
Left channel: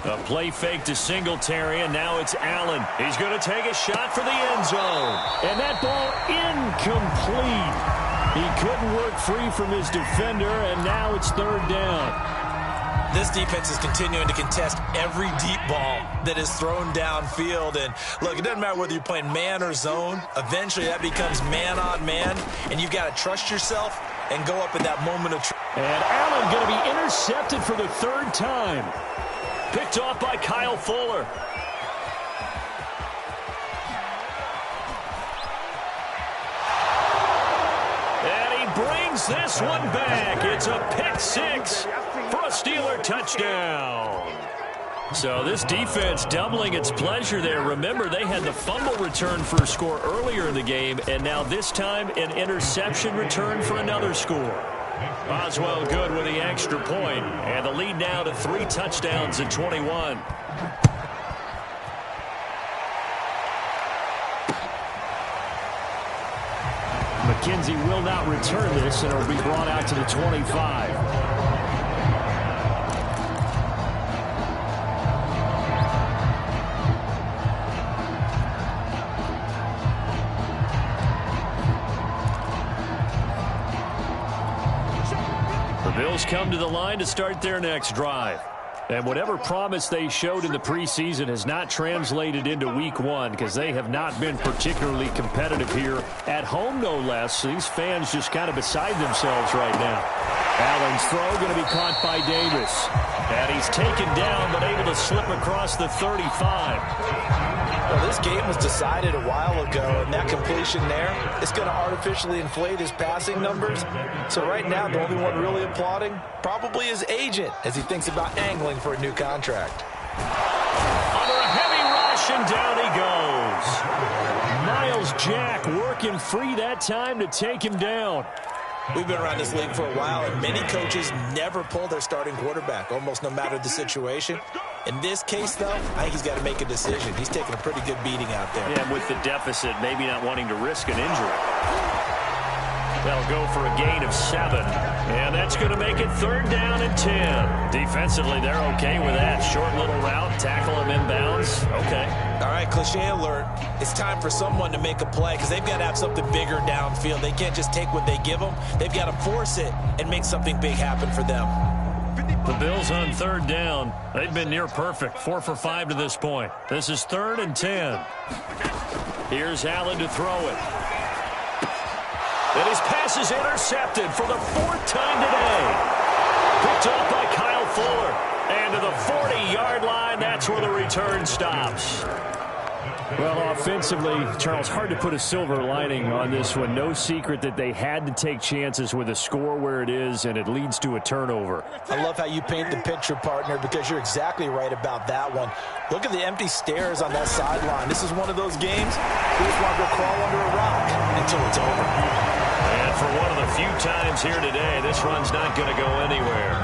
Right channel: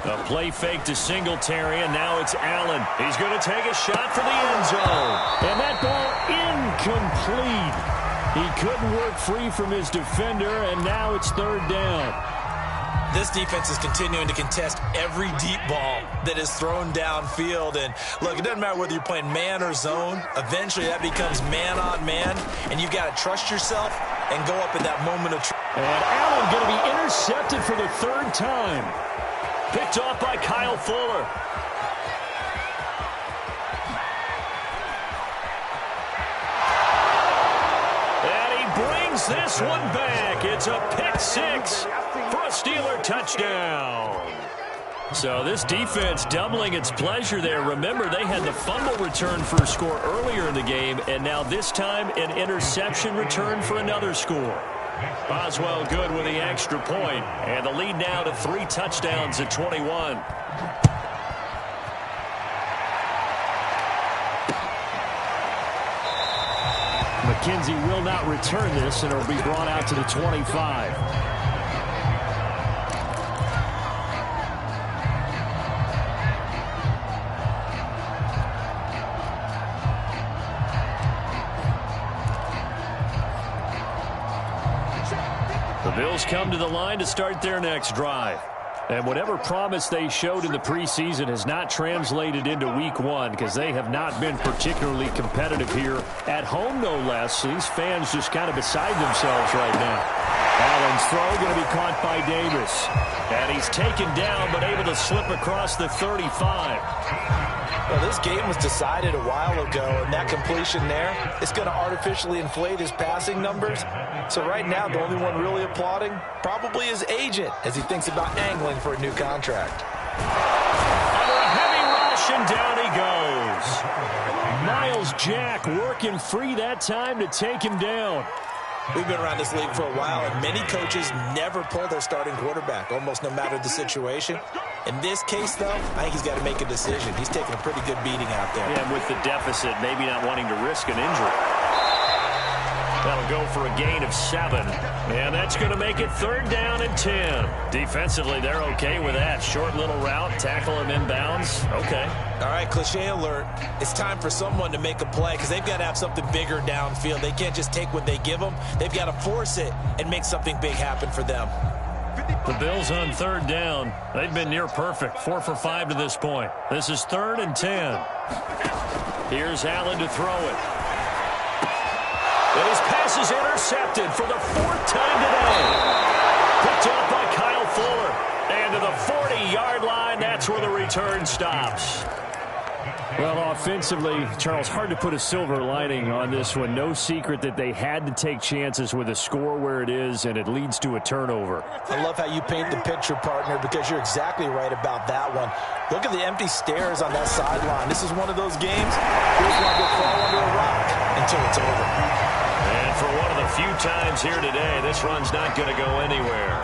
A play fake to Singletary, and now it's Allen. He's going to take a shot for the end zone. And that ball incomplete. He couldn't work free from his defender, and now it's 3rd down. This defense is continuing to contest every deep ball that is thrown downfield. And, look, it doesn't matter whether you're playing man or zone. Eventually, that becomes man on man, and you've got to trust yourself and go up in that moment of truth. And Allen going to be intercepted for the 3rd time. Picked off by Kyle Fuller. Brings this one back. It's a pick 6 for a Steeler touchdown. So this defense doubling its pleasure there. Remember, they had the fumble return for a score earlier in the game, and now this time an interception return for another score. Boswell good with the extra point, and the lead now to 3 touchdowns at 21. McKenzie will not return this, and it'll be brought out to the 25. The Bills come to the line to start their next drive. And whatever promise they showed in the preseason has not translated into week 1 because they have not been particularly competitive here at home, no less. These fans just kind of beside themselves right now. Allen's throw going to be caught by Davis. And he's taken down but able to slip across the 35. Well, this game was decided a while ago, and that completion there is going to artificially inflate his passing numbers. So right now, the only one really applauding probably his agent as he thinks about angling for a new contract. Under a heavy rush, and down he goes. Miles Jack working free that time to take him down. We've been around this league for a while, and many coaches never pull their starting quarterback, almost no matter the situation. In this case, though, I think he's got to make a decision. He's taking a pretty good beating out there. Yeah, with the deficit, maybe not wanting to risk an injury. That'll go for a gain of 7. And that's going to make it 3rd down and 10. Defensively, they're okay with that. Short little route, tackle him inbounds. Okay. All right, cliche alert. It's time for someone to make a play because they've got to have something bigger downfield. They can't just take what they give them. They've got to force it and make something big happen for them. The Bills on 3rd down. They've been near perfect. 4 for 5 to this point. This is 3rd and 10. Here's Allen to throw it. And his pass is intercepted for the 4th time today. Picked up by Kyle Fuller. And to the 40-yard line, that's where the return stops. Well, offensively, Charles, hard to put a silver lining on this one. No secret that they had to take chances with a score where it is, and it leads to a turnover. I love how you paint the picture, partner, because you're exactly right about that one. Look at the empty stairs on that sideline. This is one of those games you just want to go crawl under a rock until it's over. And for one of the few times here today, this run's not going to go anywhere.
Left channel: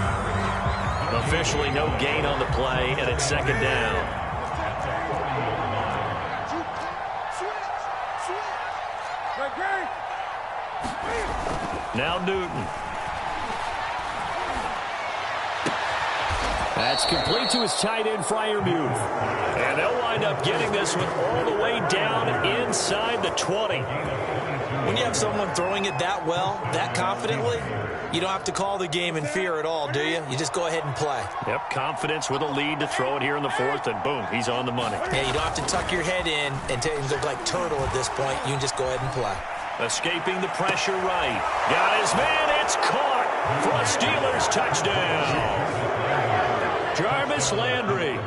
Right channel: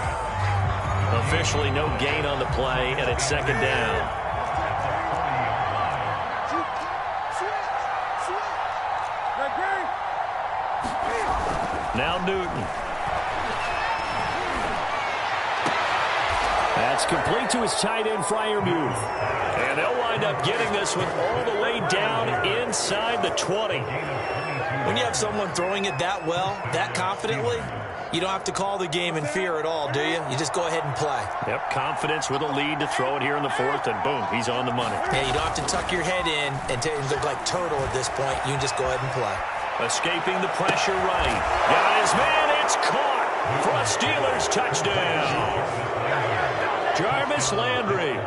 Officially no gain on the play, and it's 2nd down. Now Newton. That's complete to his tight end, Freiermuth. And they'll wind up getting this one all the way down inside the 20. When you have someone throwing it that well, that confidently, you don't have to call the game in fear at all, do you? You just go ahead and play. Yep, confidence with a lead to throw it here in the 4th, and boom, he's on the money. Yeah, you don't have to tuck your head in and look like turtle at this point. You can just go ahead and play. Escaping the pressure right. Got his man. It's caught for a Steelers touchdown. Jarvis Landry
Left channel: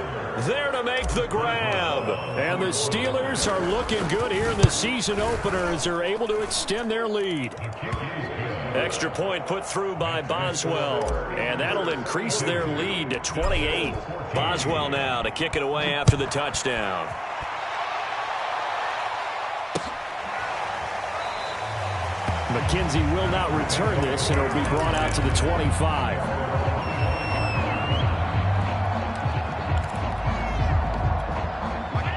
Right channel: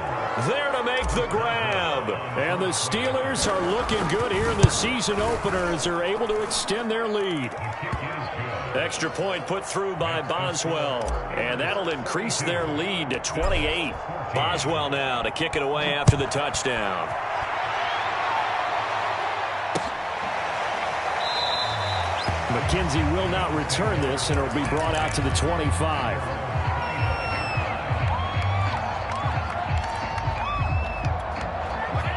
there to make the grab. And the Steelers are looking good here in the season opener as they're able to extend their lead. Extra point put through by Boswell. And that'll increase their lead to 28. Boswell now to kick it away after the touchdown. McKenzie will not return this, and it'll be brought out to the 25.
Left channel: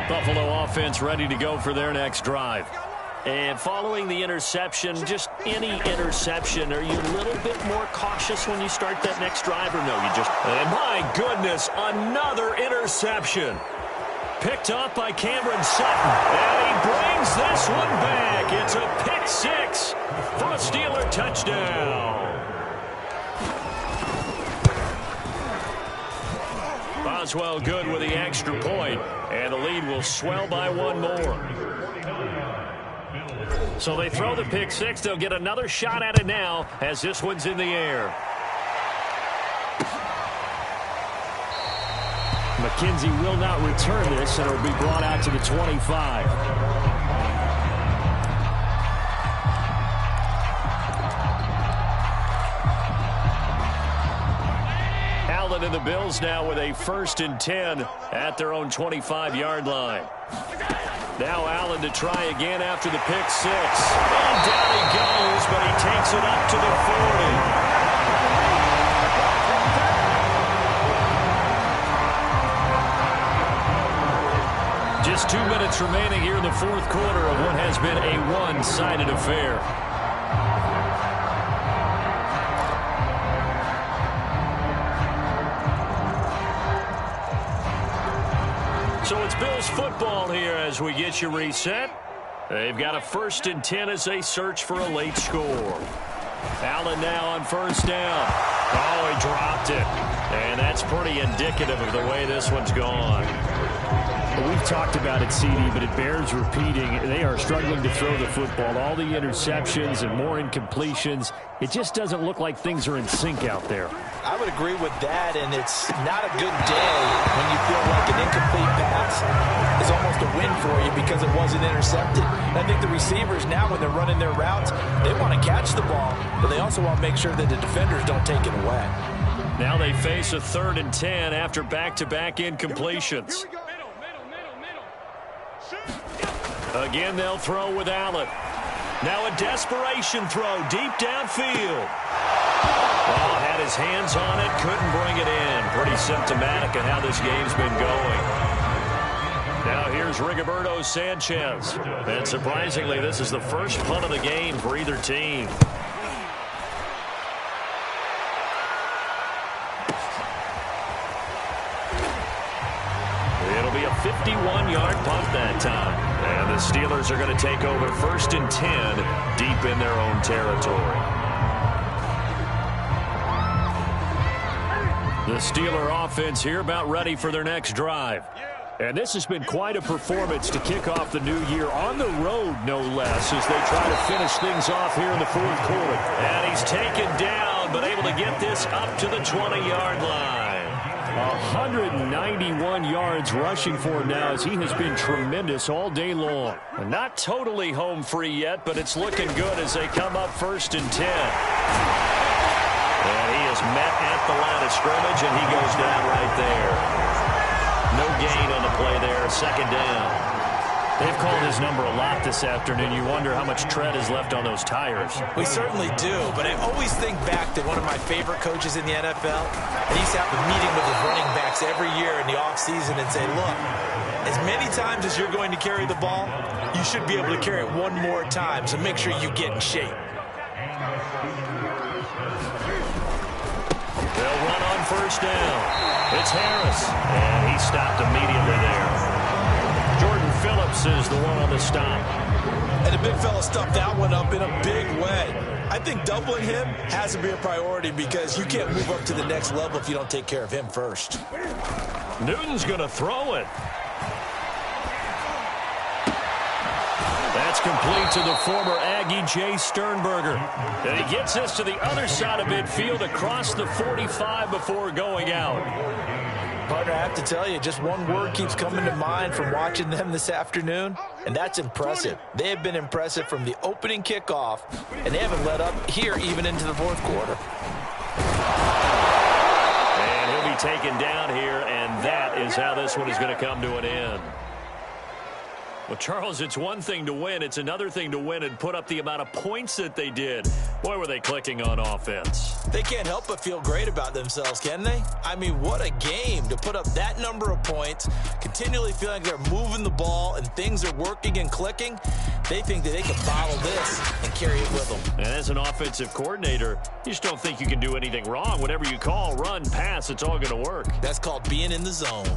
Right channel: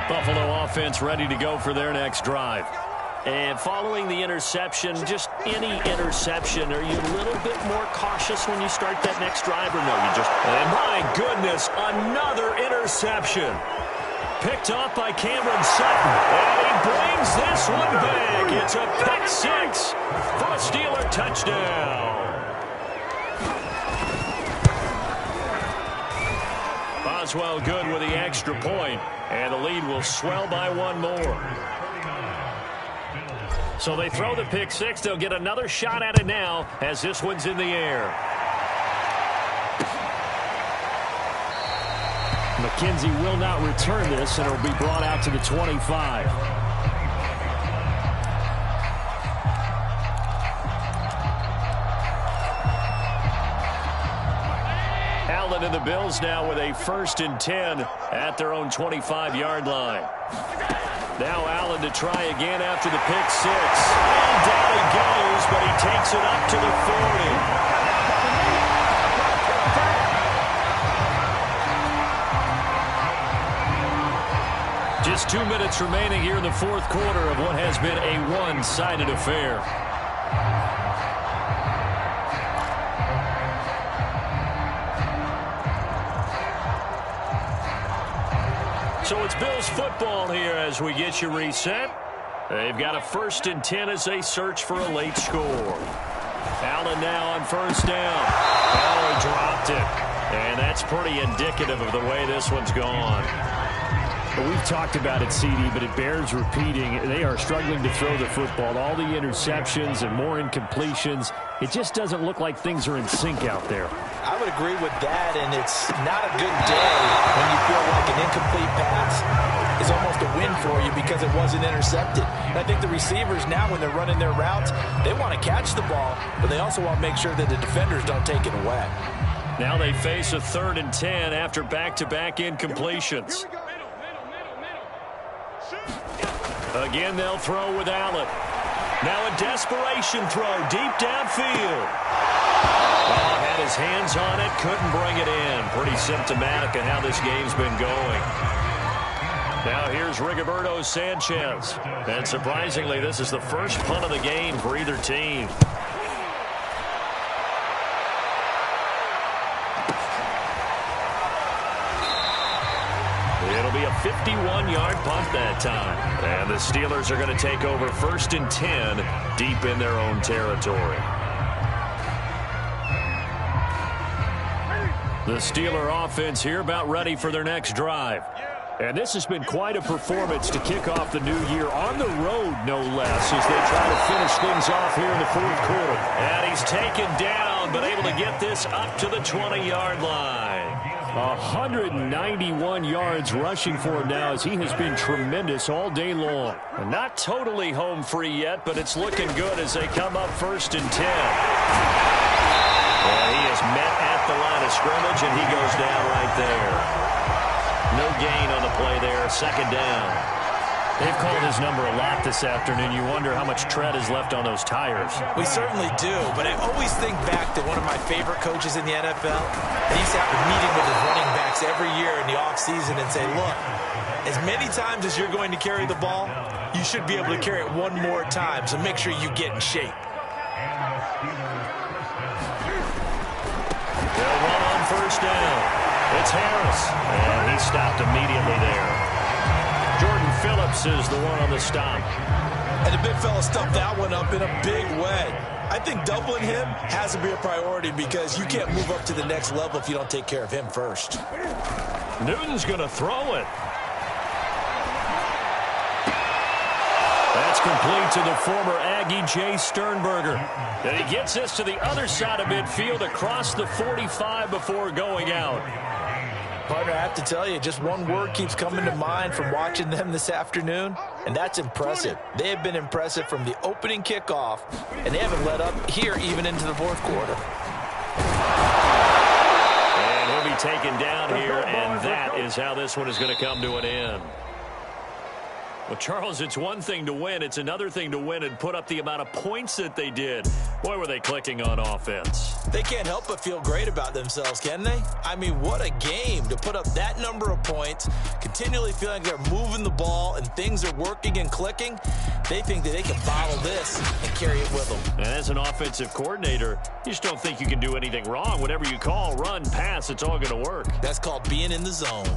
Buffalo offense ready to go for their next drive. And following the interception, just any interception, are you a little bit more cautious when you start that next drive, or no, you just... And my goodness, another interception. Picked up by Cameron Sutton. And he brings this one back. It's a pick 6 for a Steeler touchdown. Boswell good with the extra point. And the lead will swell by 1 more. So they throw the pick 6. They'll get another shot at it now as this one's in the air. McKenzie will not return this, and it'll be brought out to the 25. Allen and the Bills now with a 1st and 10 at their own 25-yard line. Now Allen to try again after the pick 6. And down he goes, but he takes it up to the 40. Just 2 minutes remaining here in the 4th quarter of what has been a one-sided affair. So it's Bills football here as we get you reset. They've got a 1st and 10 as they search for a late score. Allen now on 1st down. Oh, he dropped it. And that's pretty indicative of the way this one's gone. We've talked about it, CD, but it bears repeating. They are struggling to throw the football. All the interceptions and more incompletions. It just doesn't look like things are in sync out there. I would agree with that, and it's not a good day when you feel like an incomplete pass is almost a win for you because it wasn't intercepted. And I think the receivers now, when they're running their routes, they want to catch the ball, but they also want to make sure that the defenders don't take it away. Now they face a 3rd and 10 after back-to-back incompletions. Again, they'll throw with Allen. Now a desperation throw deep downfield. Oh, had his hands on it, couldn't bring it in. Pretty symptomatic of how this game's been going. Now here's Rigoberto Sanchez. And surprisingly, this is the first punt of the game for either team. It'll be a 51-yard punt that time. And the Steelers are going to take over 1st and 10 deep in their own territory. The Steeler offense here about ready for their next drive. And this has been quite a performance to kick off the new year on the road, no less, as they try to finish things off here in the 4th quarter. And he's taken down, but able to get this up to the 20-yard line. 191 yards rushing for him now, as he has been tremendous all day long. Not totally home free yet, but it's looking good as they come up 1st and 10. And he is met at the line of scrimmage, and he goes down right there. No gain on the play there, 2nd down. They've called his number a lot this afternoon. You wonder how much tread is left on those tires. We certainly do, but I always think back to one of my favorite coaches in the NFL. He used to have a meeting with his running backs every year in the offseason and say, look, as many times as you're going to carry the ball, you should be able to carry it one more time, so make sure you get in shape. They'll run on 1st down. It's Harris, and he stopped immediately there. Jordan Phillips is the one on the stop. And the big fella stuffed that one up in a big way. I think doubling him has to be a priority because you can't move up to the next level if you don't take care of him first. Newton's going to throw it. That's complete to the former Aggie, Jay Sternberger. And he gets this to the other side of midfield across the 45 before going out. Partner, I have to tell you, just one word keeps coming to mind from watching them this afternoon, and that's impressive. They have been impressive from the opening kickoff, and they haven't let up here even into the 4th quarter. And he'll be taken down here, and that is how this one is going to come to an end. Well, Charles, it's one thing to win. It's another thing to win and put up the amount of points that they did. Boy, were they clicking on offense. They can't help but feel great about themselves, can they? I mean, what a game to put up that number of points, continually feeling like they're moving the ball and things are working and clicking. They think that they can bottle this and carry it with them. And as an offensive coordinator, you just don't think you can do anything wrong. Whatever you call, run, pass, it's all going to work. That's called being in the zone.